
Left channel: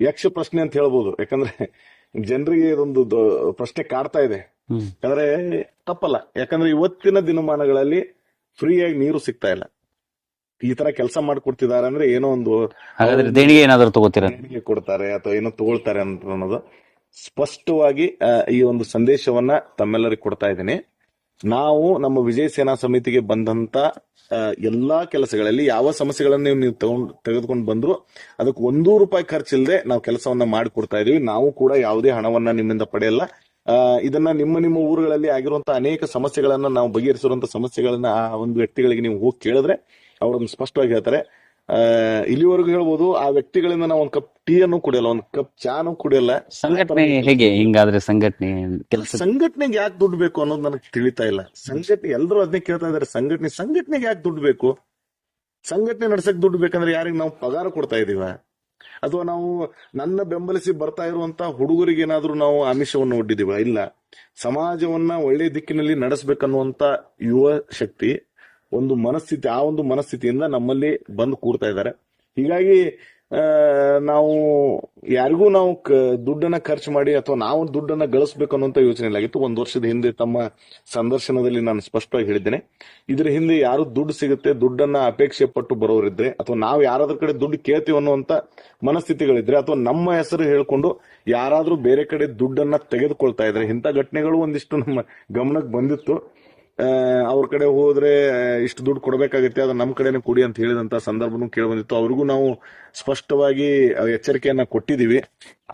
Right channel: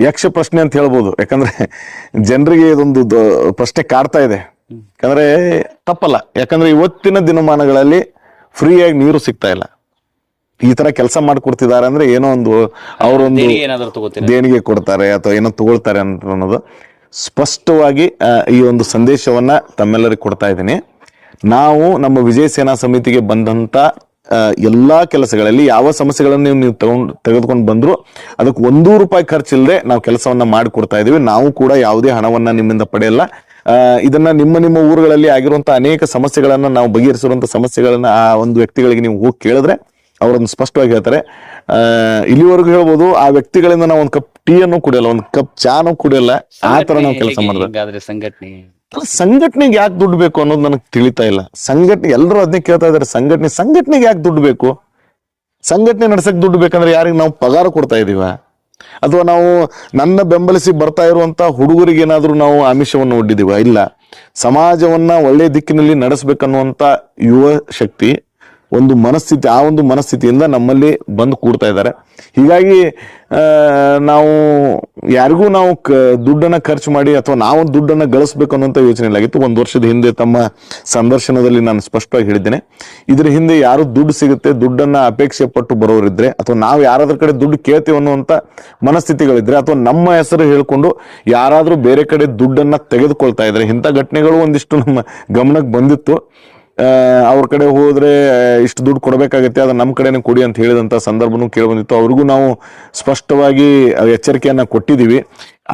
ಯಕ್ಷ ಪ್ರಶ್ನೆ ಅಂತ ಹೇಳ್ಬೋದು. ಯಾಕಂದ್ರೆ ಜನರಿಗೆ ಇದೊಂದು ಪ್ರಶ್ನೆ ಕಾಡ್ತಾ ಇದೆ. ಯಾಕಂದ್ರೆ ತಪ್ಪಲ್ಲ, ಯಾಕಂದ್ರೆ ಇವತ್ತಿನ ದಿನಮಾನಗಳಲ್ಲಿ ಫ್ರೀಯಾಗಿ ನೀರು ಸಿಗ್ತಾ ಇಲ್ಲ. ಈ ತರ ಕೆಲಸ ಮಾಡಿಕೊಡ್ತಿದ್ದಾರೆ ಅಂದ್ರೆ ಏನೋ ಒಂದು ಅವರೊಂದು ದೇಣಿಗೆ ಕೊಡ್ತಾರೆ ಅಥವಾ ಏನೋ ತಗೊಳ್ತಾರೆ ಅಂತ ಅನ್ನೋದು ಸ್ಪಷ್ಟವಾಗಿ ಈ ಒಂದು ಸಂದೇಶವನ್ನ ತಮ್ಮೆಲ್ಲರಿಗೆ ಕೊಡ್ತಾ ಇದ್ದೀನಿ. ನಾವು ನಮ್ಮ ವಿಜಯ ಸೇನಾ ಸಮಿತಿಗೆ ಬಂದಂತ ಎಲ್ಲಾ ಕೆಲಸಗಳಲ್ಲಿ ಯಾವ ಸಮಸ್ಯೆಗಳನ್ನು ನೀವು ತೆಗೆದುಕೊಂಡು ಬಂದ್ರು ಅದಕ್ಕೆ ₹1 ಖರ್ಚಿಲ್ಲದೆ ನಾವು ಕೆಲಸವನ್ನ ಮಾಡಿಕೊಡ್ತಾ ಇದೀವಿ. ನಾವು ಕೂಡ ಯಾವುದೇ ಹಣವನ್ನ ನಿಮ್ಮಿಂದ ಪಡೆಯಲ್ಲ. ಇದನ್ನ ನಿಮ್ಮ ಊರುಗಳಲ್ಲಿ ಆಗಿರುವಂತಹ ಅನೇಕ ಸಮಸ್ಯೆಗಳನ್ನ ನಾವು ಬಗೆಹರಿಸಿರುವಂತಹ ಸಮಸ್ಯೆಗಳನ್ನ ಆ ಒಂದು ವ್ಯಕ್ತಿಗಳಿಗೆ ನೀವು ಹೋಗಿ ಕೇಳಿದ್ರೆ ಅವರನ್ನು ಸ್ಪಷ್ಟವಾಗಿ ಹೇಳ್ತಾರೆ. ಇಲ್ಲಿವರೆಗೂ ಹೇಳ್ಬೋದು, ಆ ವ್ಯಕ್ತಿಗಳಿಂದ ನಾವು ಒಂದು ಕಪ್ ಟೀ ಅನ್ನು ಕುಡಿಯಲ್ಲ, ಒಂದು ಕಪ್ ಚಾನು ಕುಡಿಯಲ್ಲ. ಆ ತರ ನಾವು ಕೆಲಸ ಮಾಡಿದ್ರೆ ಸಂಘಟನೆಗೆ ಯಾಕೆ ದುಡ್ಡು ಬೇಕು ಅನ್ನೋದು ನನಗೆ ತಿಳಿತಾ ಇಲ್ಲ. ಸಂಘಟನೆ ಎಲ್ಲರೂ ಅದನ್ನೇ ಕೇಳ್ತಾ ಇದಾರೆ, ಸಂಘಟನೆಗೆ ಯಾಕೆ ದುಡ್ಡು ಬೇಕು? ಸಂಘಟನೆ ನಡ್ಸಕ್ ದುಡ್ಡು ಬೇಕಂದ್ರೆ ಯಾರಿಗೆ ನಾವು ಪಗಾರ ಕೊಡ್ತಾ ಇದೀವ? ಅಥವಾ ನಾವು ನನ್ನ ಬೆಂಬಲಿಸಿ ಬರ್ತಾ ಇರುವಂತ ಹುಡುಗರಿಗೆ ಏನಾದ್ರೂ ನಾವು ಆಮಿಷವನ್ನು ಒಡ್ಡಿದೀವ? ಇಲ್ಲ. ಸಮಾಜವನ್ನ ಒಳ್ಳೆ ದಿಕ್ಕಿನಲ್ಲಿ ನಡೆಸ್ಬೇಕನ್ನುವಂತ ಯುವ ಶಕ್ತಿ ಒಂದು ಮನಸ್ಥಿತಿ, ಆ ಒಂದು ಮನಸ್ಥಿತಿಯಿಂದ ನಮ್ಮಲ್ಲಿ ಬಂದು ಕೂಡ್ತಾ ಇದ್ದಾರೆ. ಹೀಗಾಗಿ ನಾವು ಯಾರಿಗೂ ನಾವು ದುಡ್ಡನ್ನ ಖರ್ಚು ಮಾಡಿ ಅಥವಾ ನಾವು ದುಡ್ಡನ್ನ ಗಳಿಸ್ಬೇಕು ಅನ್ನೋಂಥ ಯೋಚನೆ ಇಲ್ಲಾಗಿತ್ತು. 1 ವರ್ಷದ ಹಿಂದೆ ತಮ್ಮ ಸಂದರ್ಶನದಲ್ಲಿ ನಾನು ಸ್ಪಷ್ಟವಾಗಿ ಹೇಳಿದ್ದೇನೆ, ಇದ್ರ ಹಿಂದೆ ಯಾರು ದುಡ್ಡು ಸಿಗುತ್ತೆ, ದುಡ್ಡನ್ನ ಅಪೇಕ್ಷೆ ಪಟ್ಟು ಬರೋರಿದ್ರೆ ಅಥವಾ ನಾವು ಯಾರಾದ್ರ ಕಡೆ ದುಡ್ಡು ಕೇಳ್ತೀವಿ ಅನ್ನುವಂಥ ಮನಸ್ಥಿತಿಗಳಿದ್ರೆ ಅಥವಾ ನಮ್ಮ ಹೆಸರು ಹೇಳ್ಕೊಂಡು ಯಾರಾದ್ರೂ ಬೇರೆ ಕಡೆ ದುಡ್ಡನ್ನ ತೆಗೆದುಕೊಳ್ತಾ ಇದ್ರೆ, ಇಂಥ ಘಟನೆಗಳು ಒಂದಿಷ್ಟು ನಮ್ಮ ಗಮನಕ್ಕೆ ಬಂದಿತ್ತು. ಅವ್ರ ಕಡೆ ಹೋದ್ರೆ ಇಷ್ಟು ದುಡ್ಡು ಕೊಡಬೇಕಾಗತ್ತೆ, ಅದನ್ನ ನಮ್ಮ ಕಡೆನೇ ಕೊಡಿ ಅಂತ ಹೇಳಿದಂತ ಸಂದರ್ಭನೂ ಕೇಳಿ ಬಂದಿತ್ತು. ಅವ್ರಿಗೂ ನಾವು ಸ್ಪಷ್ಟವಾಗಿ ಎಚ್ಚರಿಕೆಯನ್ನ ಕೊಟ್ಟಿದ್ದೀವಿ.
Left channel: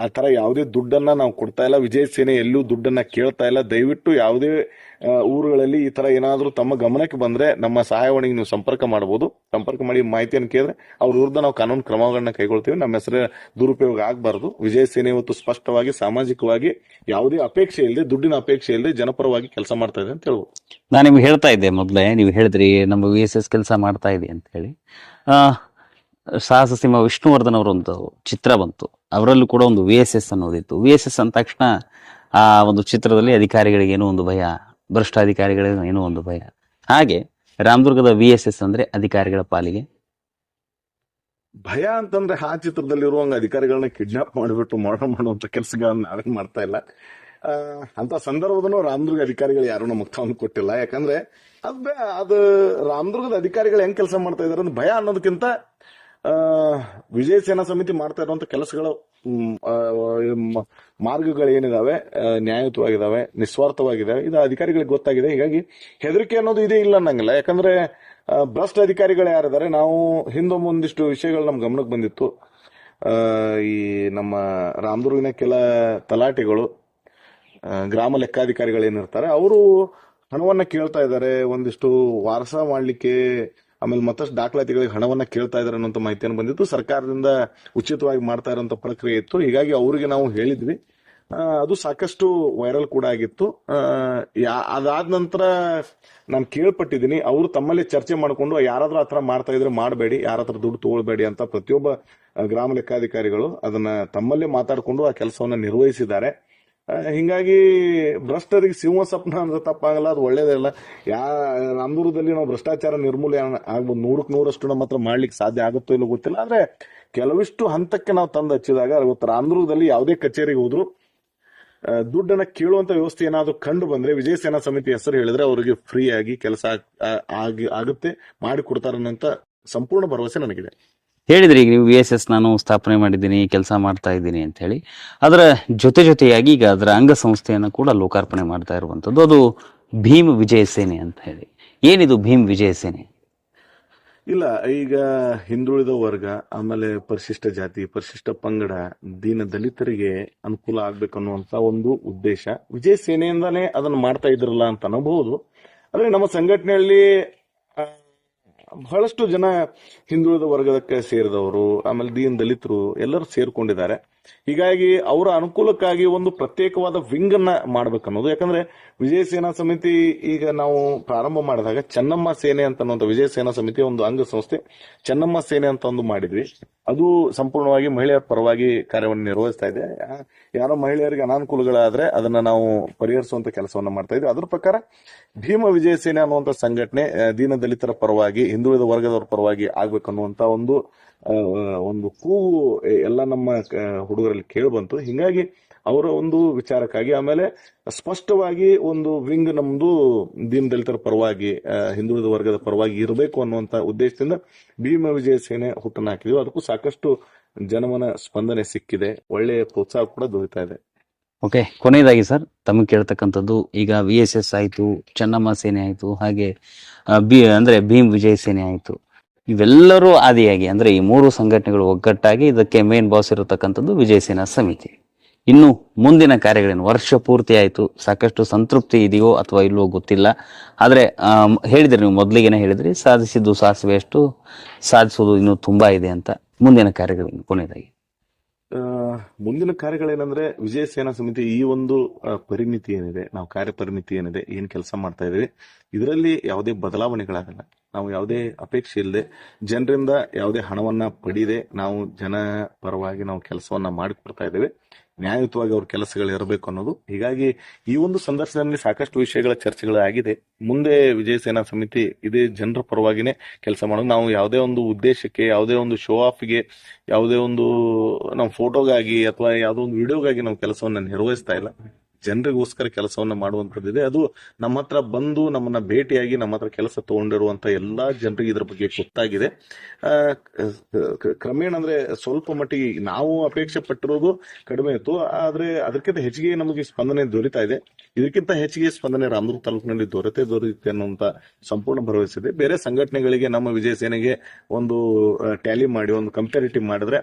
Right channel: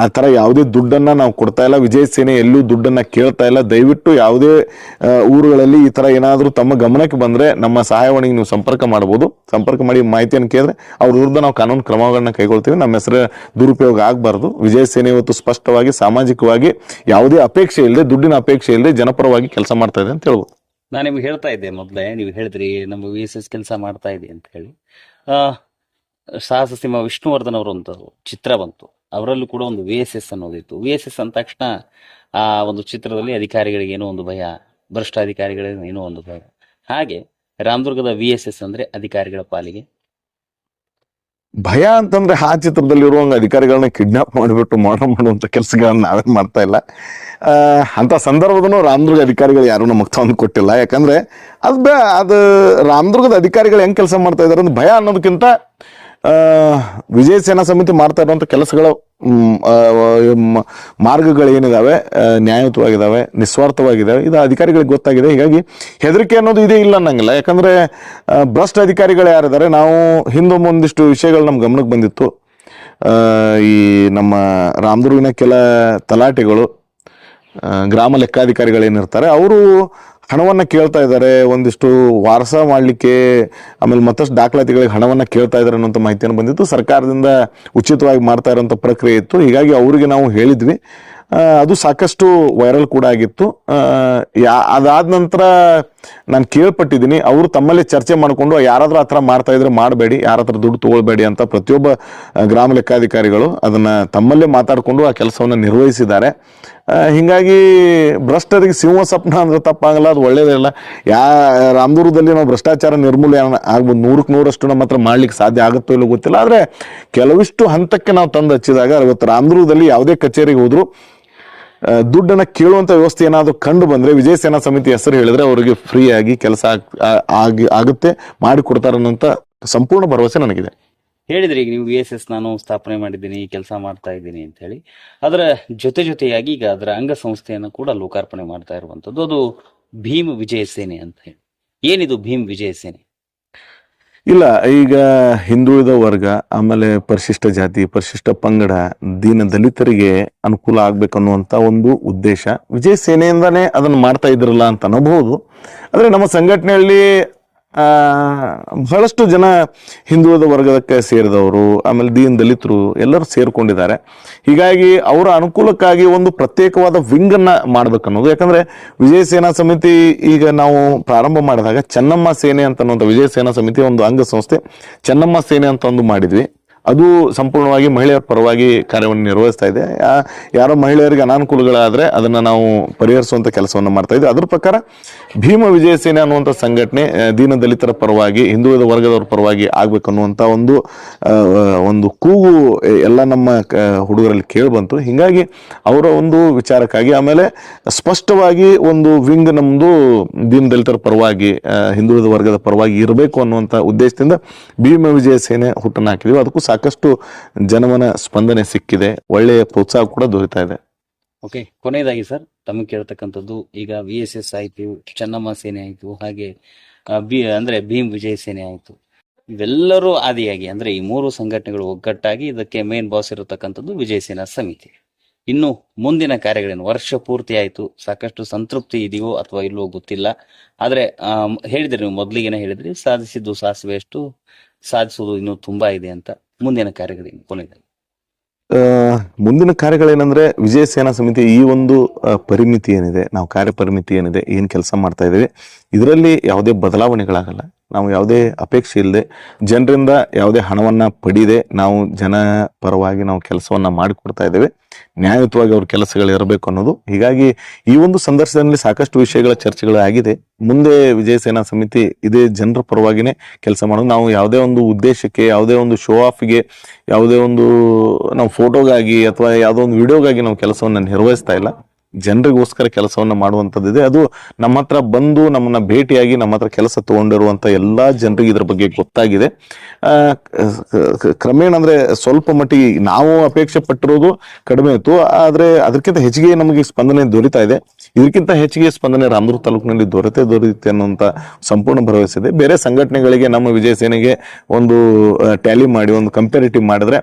ಆ ತರ ಯಾವುದೇ ದುಡ್ಡನ್ನ ನಾವು ಕೊಡ್ತಾ ಇಲ್ಲ. ವಿಜಯ ಸೇನೆ ಎಲ್ಲೂ ದುಡ್ಡನ್ನ ಕೇಳ್ತಾ ಇಲ್ಲ. ದಯವಿಟ್ಟು ಯಾವುದೇ ಊರುಗಳಲ್ಲಿ ಈ ತರ ಏನಾದ್ರೂ ತಮ್ಮ ಗಮನಕ್ಕೆ ಬಂದ್ರೆ ನಮ್ಮ ಸಹಾಯವಾಣಿಗೆ ನೀವು ಸಂಪರ್ಕ ಮಾಡಬಹುದು. ಸಂಪರ್ಕ ಮಾಡಿ ಮಾಹಿತಿಯನ್ನು ಕೇಳಿದ್ರೆ ಅವ್ರ ವಿರುದ್ಧ ನಾವು ಕಾನೂನು ಕ್ರಮಗಳನ್ನ ಕೈಗೊಳ್ತೀವಿ. ನಮ್ಮ ಹೆಸರು ದುರುಪಯೋಗ ಆಗಬಾರ್ದು. ವಿಜಯ ಸೇನೆ ಇವತ್ತು ಸ್ಪಷ್ಟವಾಗಿ ಸಾಮಾಜಿಕವಾಗಿ ಯಾವುದೇ ಅಪೇಕ್ಷೆ ಇಲ್ಲದೆ, ದುಡ್ಡಿನ ಅಪೇಕ್ಷೆ ಇಲ್ಲದೆ ಜನಪರವಾಗಿ ಕೆಲಸ ಮಾಡ್ತಾ ಇದೆ ಅಂತ ಹೇಳ್ಬೋದು. ನಾನು ನಿಮ್ಗೆ ಹೇಳ್ತಾ ಇದ್ದೆ ಮೊದಲೇ, ನೀವು ಹೇಳಿದ್ರಿ ನಮ್ಮ VSS ಕೆಲಸ ಮಾಡ್ತಾ ಇದೆ ಅಂತ ಹೇಳಿ. ಸಾಹಸ ಸಿಂಹ ವಿಷ್ಣುವರ್ಧನ್ ಅವರೊಂದು ಚಿತ್ರ ಬಂತು, ಅವರಲ್ಲೂ ಕೂಡ ಒಂದು VSS ಅನ್ನೋದಿತ್ತು. VSS ಅಂದ ತಕ್ಷಣ ಆ ಒಂದು ಚಿತ್ರದಲ್ಲಿ ಅಧಿಕಾರಿಗಳಿಗೆ ಏನೋ ಒಂದು ಭಯ, ಭ್ರಷ್ಟ ಅಧಿಕಾರಿಗಳಿಗೆ ಏನೋ ಒಂದು ಭಯ. ಹಾಗೆ ರಾಮದುರ್ಗದ VSS ಅಂದ್ರೆ ಅಧಿಕಾರಿಗಳ ಪಾಲಿಗೆ ಭಯ ಅಂತಂದ್ರೆ ಆ ಚಿತ್ರದಲ್ಲಿರುವಂಗ ಅಧಿಕಾರಿಗಳನ್ನ ಕಿಡ್ನಾಪ್ ಮಾಡಿಬಿಟ್ಟು ಮರ್ಡರ್ ಮಾಡುವಂತ ಕೆಲಸಗಳನ್ನ ನಾವೇನ್ ಮಾಡ್ತಾ ಇಲ್ಲ. ಅಂತ ಸಂದರ್ಭದೂ ರಾಮದುರ್ಗ ಅಧಿಕಾರಿಗಳು ಯಾರು ನಮಗೆ ತಂದು ಕೊಟ್ಟಿಲ್ಲ. ಯಾಕಂದ್ರೆ ಅದು ರಾಮದುರ್ಗದ ಅಧಿಕಾರಿಗಳು ಹೆಂಗ್ ಕೆಲಸ ಮಾಡ್ತಾ ಇದಾರೆ ಅಂದ್ರೆ ಭಯ ಅನ್ನೋದಕ್ಕಿಂತ ವಿಜಯ ಸೇನಾ ಸಮಿತಿ ಮಾಡ್ತಾ ಇರುವಂತ ಕೆಲಸಗಳ ಮಾರ್ಗಗಳು ಏನಿದಾವೆ ನ್ಯಾಯಯುತವಾಗಿದ್ದಾವೆ, ನಿಸ್ವಾರ್ಥವಾಗಿದ್ದಾವೆ, ಇದು ಅಧಿಕಾರಿಗಳಿಗೆ ಗೊತ್ತಾಗಿದೆ. ಹೀಗಾಗಿ ಹೆದರಿಕೆ ಅನ್ನೋದು ಇದೇ ಇಲ್ಲ ಅನ್ನಂಗಿಲ್ಲ. ಯಾಕಂದ್ರೆ ಭ್ರಷ್ಟ ಅಧಿಕಾರಿಗಳು ಯಾರಿದ್ದಾರೆ, ನಾವು ಹಿಂದೊಮ್ಮೆ ಒಂದಿಷ್ಟು ವಿಷಯಗಳು ನಮ್ ಗಮನಕ್ಕೆ ಬಂದಿತ್ತು. ಈ ನಮ್ಮ ರಾಮದುರ್ಗಿನ ಕೆಲ ತಲಾಟೆಗಳು, ಗ್ರಾಮ ಲೆಕ್ಕಾಧಿಕಾರಿಗಳೇನಿರ್ತಾರೆ, ಅವರು ಹಣವನ್ನ ಕೇಳ್ತಾ ಇದ್ದಾರೆ, ಒಂದಿಷ್ಟು ವಾರಸ ಮಾಡ್ಲಿಕ್ಕೆ, ಆಮೇಲೆ ಮತ್ತಷ್ಟು ದಾಖಲಾತಿಗಳಿಗೆ ಹಣವನ್ನ ಕೇಳ್ತಾ ಇದ್ದಾರೆ ಅನ್ನೋಂಥ ಮಾಹಿತಿಯನ್ನು ಬಂದಿತ್ತು. ಸರ್ಕಾರದಿಂದ ಉಚಿತವಾಗಿ ಮಾಡ್ತಾ ಇರೋಂಥ ಪ್ರಕ್ರಿಯೆ ಇತ್ತು. ಹೀಗಾಗಿ ಅವರಿಗೆ ನಾವು ಹೇಳಿದ್ವಿ. ಅದು ಸಾಕಷ್ಟು ವೈರಲ್ ಕೂಡ ಆಗಿತ್ತು. ಅದಾದ ನಂತರ ನಾನು ಕೇಳ್ಪಟ್ಟಿದ್ದೀನಿ, ಅವರು ತಮ್ಮಲ್ಲಿ ಚರ್ಚೆ ಮಾಡಿಕೊಂಡು ಯಾರಾದ್ರೂ ಆ ಥರ ಮಾಡ್ತಾ ಇದ್ರೆ ಮಾಡಬೇಡಿ, ಯಾರ ಹತ್ರ ದುಡ್ಡು ತಗೊಳ್ಬೇಡಿ ಅಂತ ಪ್ರತಿಯೊಬ್ಬ ಗ್ರಾಮ ಲೆಕ್ಕಾಧಿಕಾರಿಗಳು ಅದನ್ನ ತಮ್ಮಲ್ಲೇ ಮಾತಾಡಿಕೊಂಡು ಆ ಕೆಲಸವನ್ನ ನಿರ್ವಹಿಸಿದ್ದಾರೆ. ಹಿಂಗಾಗಿ ಭ್ರಷ್ಟರಿಗೆ ಸಿಂಹ ಸ್ವಪ್ನ ಅಂದ್ರೆ ತಪ್ಪಾಗಲ್ಲ, ಅದು ಒಳ್ಳೇದಿಲ್ಲ. ರಾಮದುರ್ಗದಲ್ಲಿ ನಾವು ಭ್ರಷ್ಟಾಚಾರ ನಿರ್ಮೂಲನೆ ಆಗ್ಬೋದು, 100% ನಮ್ಮ ಹತ್ರ ಮಾಡ್ಲಿಕ್ಕೆ ಸಾಧ್ಯ ಆಗುತ್ತೋ ಇಲ್ಲೋ ಗೊತ್ತಿಲ್ಲ. ಆದ್ರೆ ಕೆಲವಿಷ್ಟು ಹಂತಕ್ಕೆ ನಾವು ತಂದು ಹಚ್ಚಿದಾಗ ಇವತ್ತು ರಾಮದುರ್ಗದಲ್ಲಿ ಯಾವುದೇ ಕಚೇರಿಗೆ ಹೋದ್ರು ದುಡ್ಡನ್ನ ಕೇಳುವಂತ ವ್ಯವಸ್ಥೆ ಏನಾದ್ರು ಕಂಡು ಬಂದ್ರೆ ವಿಜಯ ಸೇನಾ ಸಮಿತಿ ಹೆಸರು ಹೇಳಿದ್ರೆ ಅವರಿಗೆ ಫ್ರೀ ಆಗಿ ಕೆಲಸ ಆಗುತ್ತೆ, ಮಾಡಿ ಕೊಡ್ತಾರೆ ಅನ್ನೋಂತ ಸಂಪೂರ್ಣ ಭರವಸೆ ನನಗಿದೆ. ಹೇಳಿದ್ರಿ ಈಗ ನೀವು VSS ನಾನು ಸ್ಥಾಪನೆ ಮಾಡಿದ್ದೀನಿ, ಕೆಲಸ ಮಾಡ್ತಾ ಇದ್ದೀನಿ ಅಂತ ಹೇಳಿ. ಅದರ ಜೊತೆಯಾಗಿ ಈಗ ಅದರ ಅಂಗಸಂಸ್ಥೆಯನ್ನು ಕೂಡ ಲೋಕಾರ್ಪಣೆ ಮಾಡ್ತಾ ಇರುವಂತದ್ದು, ಅದು ಭೀಮ್ ವಿಜಯ ಸೇನೆ ಅಂತ ಹೇಳಿ. ಏನಿದು ಭೀಮ್ ವಿಜಯ ಸೇನೆ? ಇಲ್ಲ, ಈಗ ಹಿಂದುಳಿದ ವರ್ಗ, ಆಮೇಲೆ ಪರಿಶಿಷ್ಟ ಜಾತಿ, ಪರಿಶಿಷ್ಟ ಪಂಗಡ, ದೀನ ದಲಿತರಿಗೆ ಅನುಕೂಲ ಆಗ್ಬೇಕನ್ನುವಂತ ಒಂದು ಉದ್ದೇಶ ವಿಜಯ ಸೇನೆಯಿಂದಾನೇ ಅದನ್ನ ಮಾಡ್ತಾ ಇದ್ರಲ್ಲ ಅಂತ ಅನ್ನಬಹುದು. ಆದ್ರೆ ನಮ್ಮ ಸಂಘಟನೆಯಲ್ಲಿ ಬಹಳಷ್ಟು ಜನ ಹಿಂದುಳಿದ ವರ್ಗದಕ್ಕೆ ಸೇರಿದವರು, ಆಮೇಲೆ ದೀನ ದಲಿತರು ಎಲ್ಲರೂ ಸೇರ್ಕೊಂಡಿದ್ದಾರೆ. ಹೀಗಾಗಿ ಅವರ ಅನುಕೂಲಕ್ಕಾಗಿ ಒಂದು ಪ್ರತ್ಯೇಕವಾದ ವಿಂಗ್ ಅನ್ನ ಮಾಡ್ಬೇಕನ್ನೋದು. ಯಾಕಂದ್ರೆ ವಿಜಯ ಸೇನಾ ಸಮಿತಿ ಈಗ ನಾವು ಪ್ರಾರಂಭ ಮಾಡಿದಾಗ ಚೆನ್ನಮ್ಮ ಸೇನೆ ಅಂತ ವಿಜಯ ಸೇನಾ ಸಮಿತಿ ಒಂದು ಅಂಗಸಂಸ್ಥೆ ಚೆನ್ನಮ್ಮ ಸೇನೆ ಅಂತ ಒಂದು ಮಾಡಿದ್ವಿ. ಅದು ಸಂಪೂರ್ಣವಾಗಿ ಮಹಿಳೆಯರ ಪರವಾಗಿ ಕಾರ್ಯವನ್ನು ನಿರ್ವಹಿಸ್ತಾ ಇದೆ. ಯಾರೋ ಮಹಿಳೆಯರಿಗೆ ಅನಾನುಕೂಲಗಳಾದ್ರೆ ಅದನ್ನ ನಾವು ಪರಿಹರಿಸುವಂತ ಕೆಲಸವನ್ನು ಮಾಡ್ತಾ ಇದ್ವಿ. ಅದ್ರ ಪ್ರಕಾರ ಭೀಮ ವಿಜಯ ಸೇನೆ ಅನ್ನುವಂಥ ಸಂಘಟನೆ ದೀನ ದಲಿತರ ಪರವಾಗಿ, ಹಿಂದುಳಿದ ವರ್ಗದವರ ಪರವಾಗಿ ಆಗ್ಬೇಕನ್ನುವಂತ ಒಂದು ಕೂಗು ಎಲ್ಲ ನಮ್ಮ ಹುಡುಗರಲ್ಲಿ ಕೇಳಿ ಬಂತು. ಹಿಂಗಾಗಿ ಅವರ ಒಂದು ವಿಚಾರಕ್ಕಾಗಿ, ಆಮೇಲೆ ಸ್ಪಷ್ಟವಾಗಿ ಒಂದು ವಿಂಗ್ ನಮ್ದು ದೀನ ದಲಿತರ ಪರವಾಗಿ, ಹಿಂದುಳಿದ ವರ್ಗದ ಪರವಾಗಿ ಇರಬೇಕು ಅನ್ನುವಂತ ಉದ್ದೇಶದಿಂದ ಭೀಮ ವಿಜಯ ಸೇನೆ ಹುಟ್ಟನ್ನು ಹಾಕಿದ್ವಿ. ಅದಕ್ಕೂ ಸಾಕಷ್ಟು ಜನಮನ ಸ್ಪಂದನೆ ಸಿಕ್ಕಿದೆ, ಒಳ್ಳೆಯ ಪ್ರೋತ್ಸಾಹ ಕೂಡ ದೊರೀತಾ ಇದೆ. ಓಕೆ, ಕೊನೆಯದಾಗಿ ಸರ್ ತಮಗೆ ಕೇಳ್ತಕ್ಕಂಥದ್ದು, ಈಗ VSS ಆಯ್ತು, ಚೆನ್ನಮ್ಮ ಸೇನೆ ಆಯ್ತು, ಹಾಗೆ ಅಂದ್ರೆ ಭೀಮ್ ವಿಜಯ್ ಸೇನೆ ಆಯ್ತು, ಇವೆಲ್ಲರೂ ಆದಿಯಾಗಿ ಅಂದ್ರೆ ಈ ಮೂರು ಸಂಘಟನೆಗಳು ಒಗ್ಗಟ್ಟಾಗಿ ಇದಕ್ಕೆ ಮೇನ್ ಬಾಸ್ ಇರತಕ್ಕಂಥದ್ದು ವಿಜಯ ಸೇನಾ ಸಮಿತಿ. ಇನ್ನು ಮುಂದಿನ ಕಾರ್ಯಗಳೇನು? ವರ್ಷ ಪೂರ್ತಿ ಆಯ್ತು, ಸಾಕಷ್ಟು ಸಂತೃಪ್ತಿ ಇದೆಯೋ ಅಥವಾ ಇಲ್ವೋ ಗೊತ್ತಿಲ್ಲ. ಆದ್ರೆ ಹೇಳಿದ್ರಿ, ನೀವು ಮೊದಲಿಗೆನೆ ಹೇಳಿದ್ರಿ, ಸಾಧಿಸಿದ್ದು ಸಾಸಿವೆ ಅಷ್ಟು, ಸಾಧಿಸೋದು ಇನ್ನೂ ತುಂಬಾ ಇದೆ ಅಂತ. ಮುಂದಿನ ಕಾರ್ಯಗಳೇನು ಕೊನೆಯದಾಗಿ? ಮುಂದಿನ ಕಾರ್ಯಗಳೇನಂದ್ರೆ ವಿಜಯ ಸೇನಾ ಸಮಿತಿ ಈ ಒಂದು ಪರಿಮಿತಿ ಏನಿದೆ, ನಾವು ಕಾರ್ಯ ಪರಿಮಿತಿ ಏನಿದೆ, ಏನ್ ಕೆಲಸ ಮಾಡ್ತಾ ಇದ್ದೇವೆ, ಇದರಲ್ಲಿ ಯಾವುದೇ ಬದಲಾವಣೆಗಳಾಗಲ್ಲ. ನಾವು ಯಾವುದೇ ಅಪೇಕ್ಷೆ ಇಲ್ಲದೆ, ಜನರಿಂದ ಯಾವುದೇ ಹಣವನ್ನ ಪಡೆಯದೆ ನಾವು ಜನ ಪರವಾಗಿ ನಾವು ಕೆಲಸವನ್ನ ಮಾಡಿಕೊಡ್ತಾ ಇದ್ದೇವೆ. ನ್ಯಾಯಯುತವಾಗಿ ಅವ್ರ ಕೆಲಸಗಳು ಇರಬೇಕು ಅನ್ನೋದು. ಹೀಗಾಗಿ ಈ ಒಂದು ಸಂದರ್ಶನದಲ್ಲಿ ಸಾಕಷ್ಟು ವಿಷಯಗಳ ಚರ್ಚೆಗಳು ಆಗಿದೆ. ಮುಂದೆ ವಿಜಯ ಸೇನಾ ಸಮಿತಿ ಇದೇ ಜನರ ಪರವಾಗಿನೇ ಕೆಲಸ ಮಾಡೋದು. ನಾವು ಯಾವುದೇ ಒಂದು ಉದ್ದೇಶಕ್ಕೆ, ಯಾವುದೇ ಒಂದು ಶೋ ಆಫ್ಗೆ, ಯಾವುದೇ ಒಂದು ನಾವು ಫೋಟೋಗಾಗಿ ಅಥವಾ ಯಾವುದೋ ಒಂದು ವಿಡಿಯೋಗಾಗಿ ನಾವು ಕೆಲಸವನ್ನ ನಿರ್ವಹಿಸ್ತಾ ಇಲ್ಲ. ಜನರಿಗೋಸ್ಕರ ಕೆಲಸವನ್ನ ಮಾಡುವಂಥದ್ದಿದೆ. ಅದು ನಮ್ಮ ಹತ್ರ ಬಂದು ನಮ್ಮನ್ನ ಭೇಟಿಯಾಗಿ ನಮ್ಮ ಹತ್ರ ಕೆಲಸ ತಗೊಂಡಿರುವಂತ ಎಲ್ಲಾ ಜನರಿಗೆ ಇದ್ರ ಬಗ್ಗೆ ಗೊತ್ತಾಗಿದೆ. ಕ್ರಮೇಣ ಅಂದ್ರೆ ಸ್ವಲ್ಪ ಮಟ್ಟಿಗೆ ನಾವು ಅಪೇಕ್ಷೆ ಪಟ್ಟಿರೋದು ಕಡಿಮೆ ಇತ್ತು, ಆದ್ರೆ ಅದಕ್ಕಿಂತ ಹೆಚ್ಚಿಗೆ ನಮಗೆ ಸ್ಪಂದನೆ ದೊರೀತಾ ಇದೆ. ಇದಕ್ಕಿಂತ ಹೆಚ್ಚಿಗೆ ಸ್ಪಂದನೆ ರಾಮದುರ್ಗ ತಾಲೂಕಿನಲ್ಲಿ ದೊರೆಯುತ್ತೆ ಅನ್ನುವಂತ ಸಂಪೂರ್ಣ ಭರವಸೆ ಇದೆ. ಬೇರೆ ಸಂಘಟನೆಗಳಿಗೆ ನಮ್ಮ ವಿಜಯ ಸೇನೆಗೆ ಒಂದು ಟ್ಯಾಲಿ ಮಾಡಿ, ಒಂದು ಕಂಪ್ಯಾರಿಟಿವ್ ಮಾಡಿದ್ರೆ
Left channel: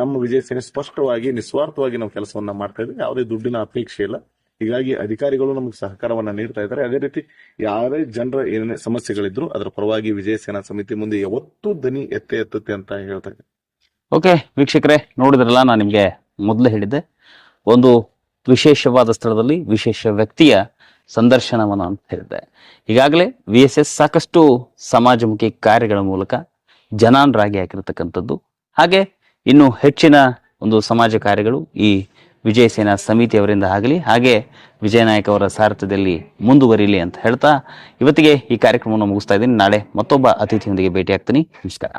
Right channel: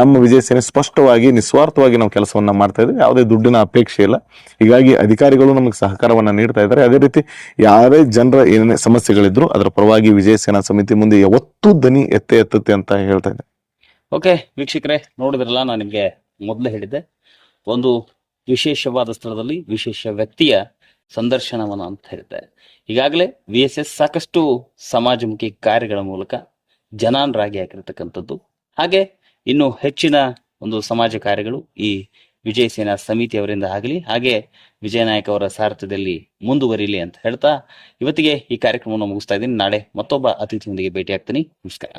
ನಮ್ಮ ವಿಜಯ ಸೇನೆ ಸ್ಪಷ್ಟವಾಗಿ, ನಿಸ್ವಾರ್ಥವಾಗಿ ನಾವು ಕೆಲಸವನ್ನ ಮಾಡ್ತಾ ಇದ್ದೀವಿ. ಯಾವುದೇ ದುಡ್ಡಿನ ಅಪೇಕ್ಷೆ ಇಲ್ಲ. ಹೀಗಾಗಿ ಅಧಿಕಾರಿಗಳು ನಮಗೆ ಸಹಕಾರವನ್ನ ನೀಡ್ತಾ ಇದ್ದಾರೆ. ಅದೇ ರೀತಿ ಯಾರೇ ಜನರ ಏನೇ ಸಮಸ್ಯೆಗಳಿದ್ರು ಅದರ ಪರವಾಗಿ ವಿಜಯ ಸೇನಾ ಸಮಿತಿ ಮುಂದೆ ಯಾವತ್ತೂ ದನಿ ಎತ್ತುತ್ತೆ ಅಂತ ಹೇಳ್ತಾ ಇದ್ದೆ. ಓಕೆ ವೀಕ್ಷಕರೇ, ನೋಡಿದ್ರಲ್ಲ, ನಾನು ನಿಮ್ಗೆ ಮೊದಲೇ ಹೇಳಿದ್ದೆ, ಒಂದು ವಿಶೇಷವಾದ ಸ್ಥಳದಲ್ಲಿ ವಿಶೇಷ ವ್ಯಕ್ತಿಯ ಸಂದರ್ಶನವನ್ನ ಅಂತ ಹೇಳಿದ್ದೆ. ಈಗಾಗಲೇ VSS ಸಾಕಷ್ಟು ಸಮಾಜಮುಖಿ ಕಾರ್ಯಗಳ ಮೂಲಕ ಜನಾನರಾಗಿ ಹಾಕಿರತಕ್ಕಂಥದ್ದು. ಹಾಗೆ ಇನ್ನು ಹೆಚ್ಚಿನ ಒಂದು ಸಮಾಜ ಕಾರ್ಯಗಳು ಈ ವಿಜಯ ಸೇನಾ ಸಮಿತಿಯವರಿಂದ ಆಗಲಿ, ಹಾಗೆ ವಿಜಯನಾಯಕ್ ಅವರ ಸಾರಥ್ಯದಲ್ಲಿ ಮುಂದುವರಿಯಲಿ ಅಂತ ಹೇಳ್ತಾ ಇವತ್ತಿಗೆ ಈ ಕಾರ್ಯಕ್ರಮವನ್ನು ಮುಗಿಸ್ತಾ ಇದ್ದೀನಿ. ನಾಳೆ ಮತ್ತೊಬ್ಬ ಅತಿಥಿಯೊಂದಿಗೆ ಭೇಟಿ ಆಗ್ತೀನಿ. ನಮಸ್ಕಾರ.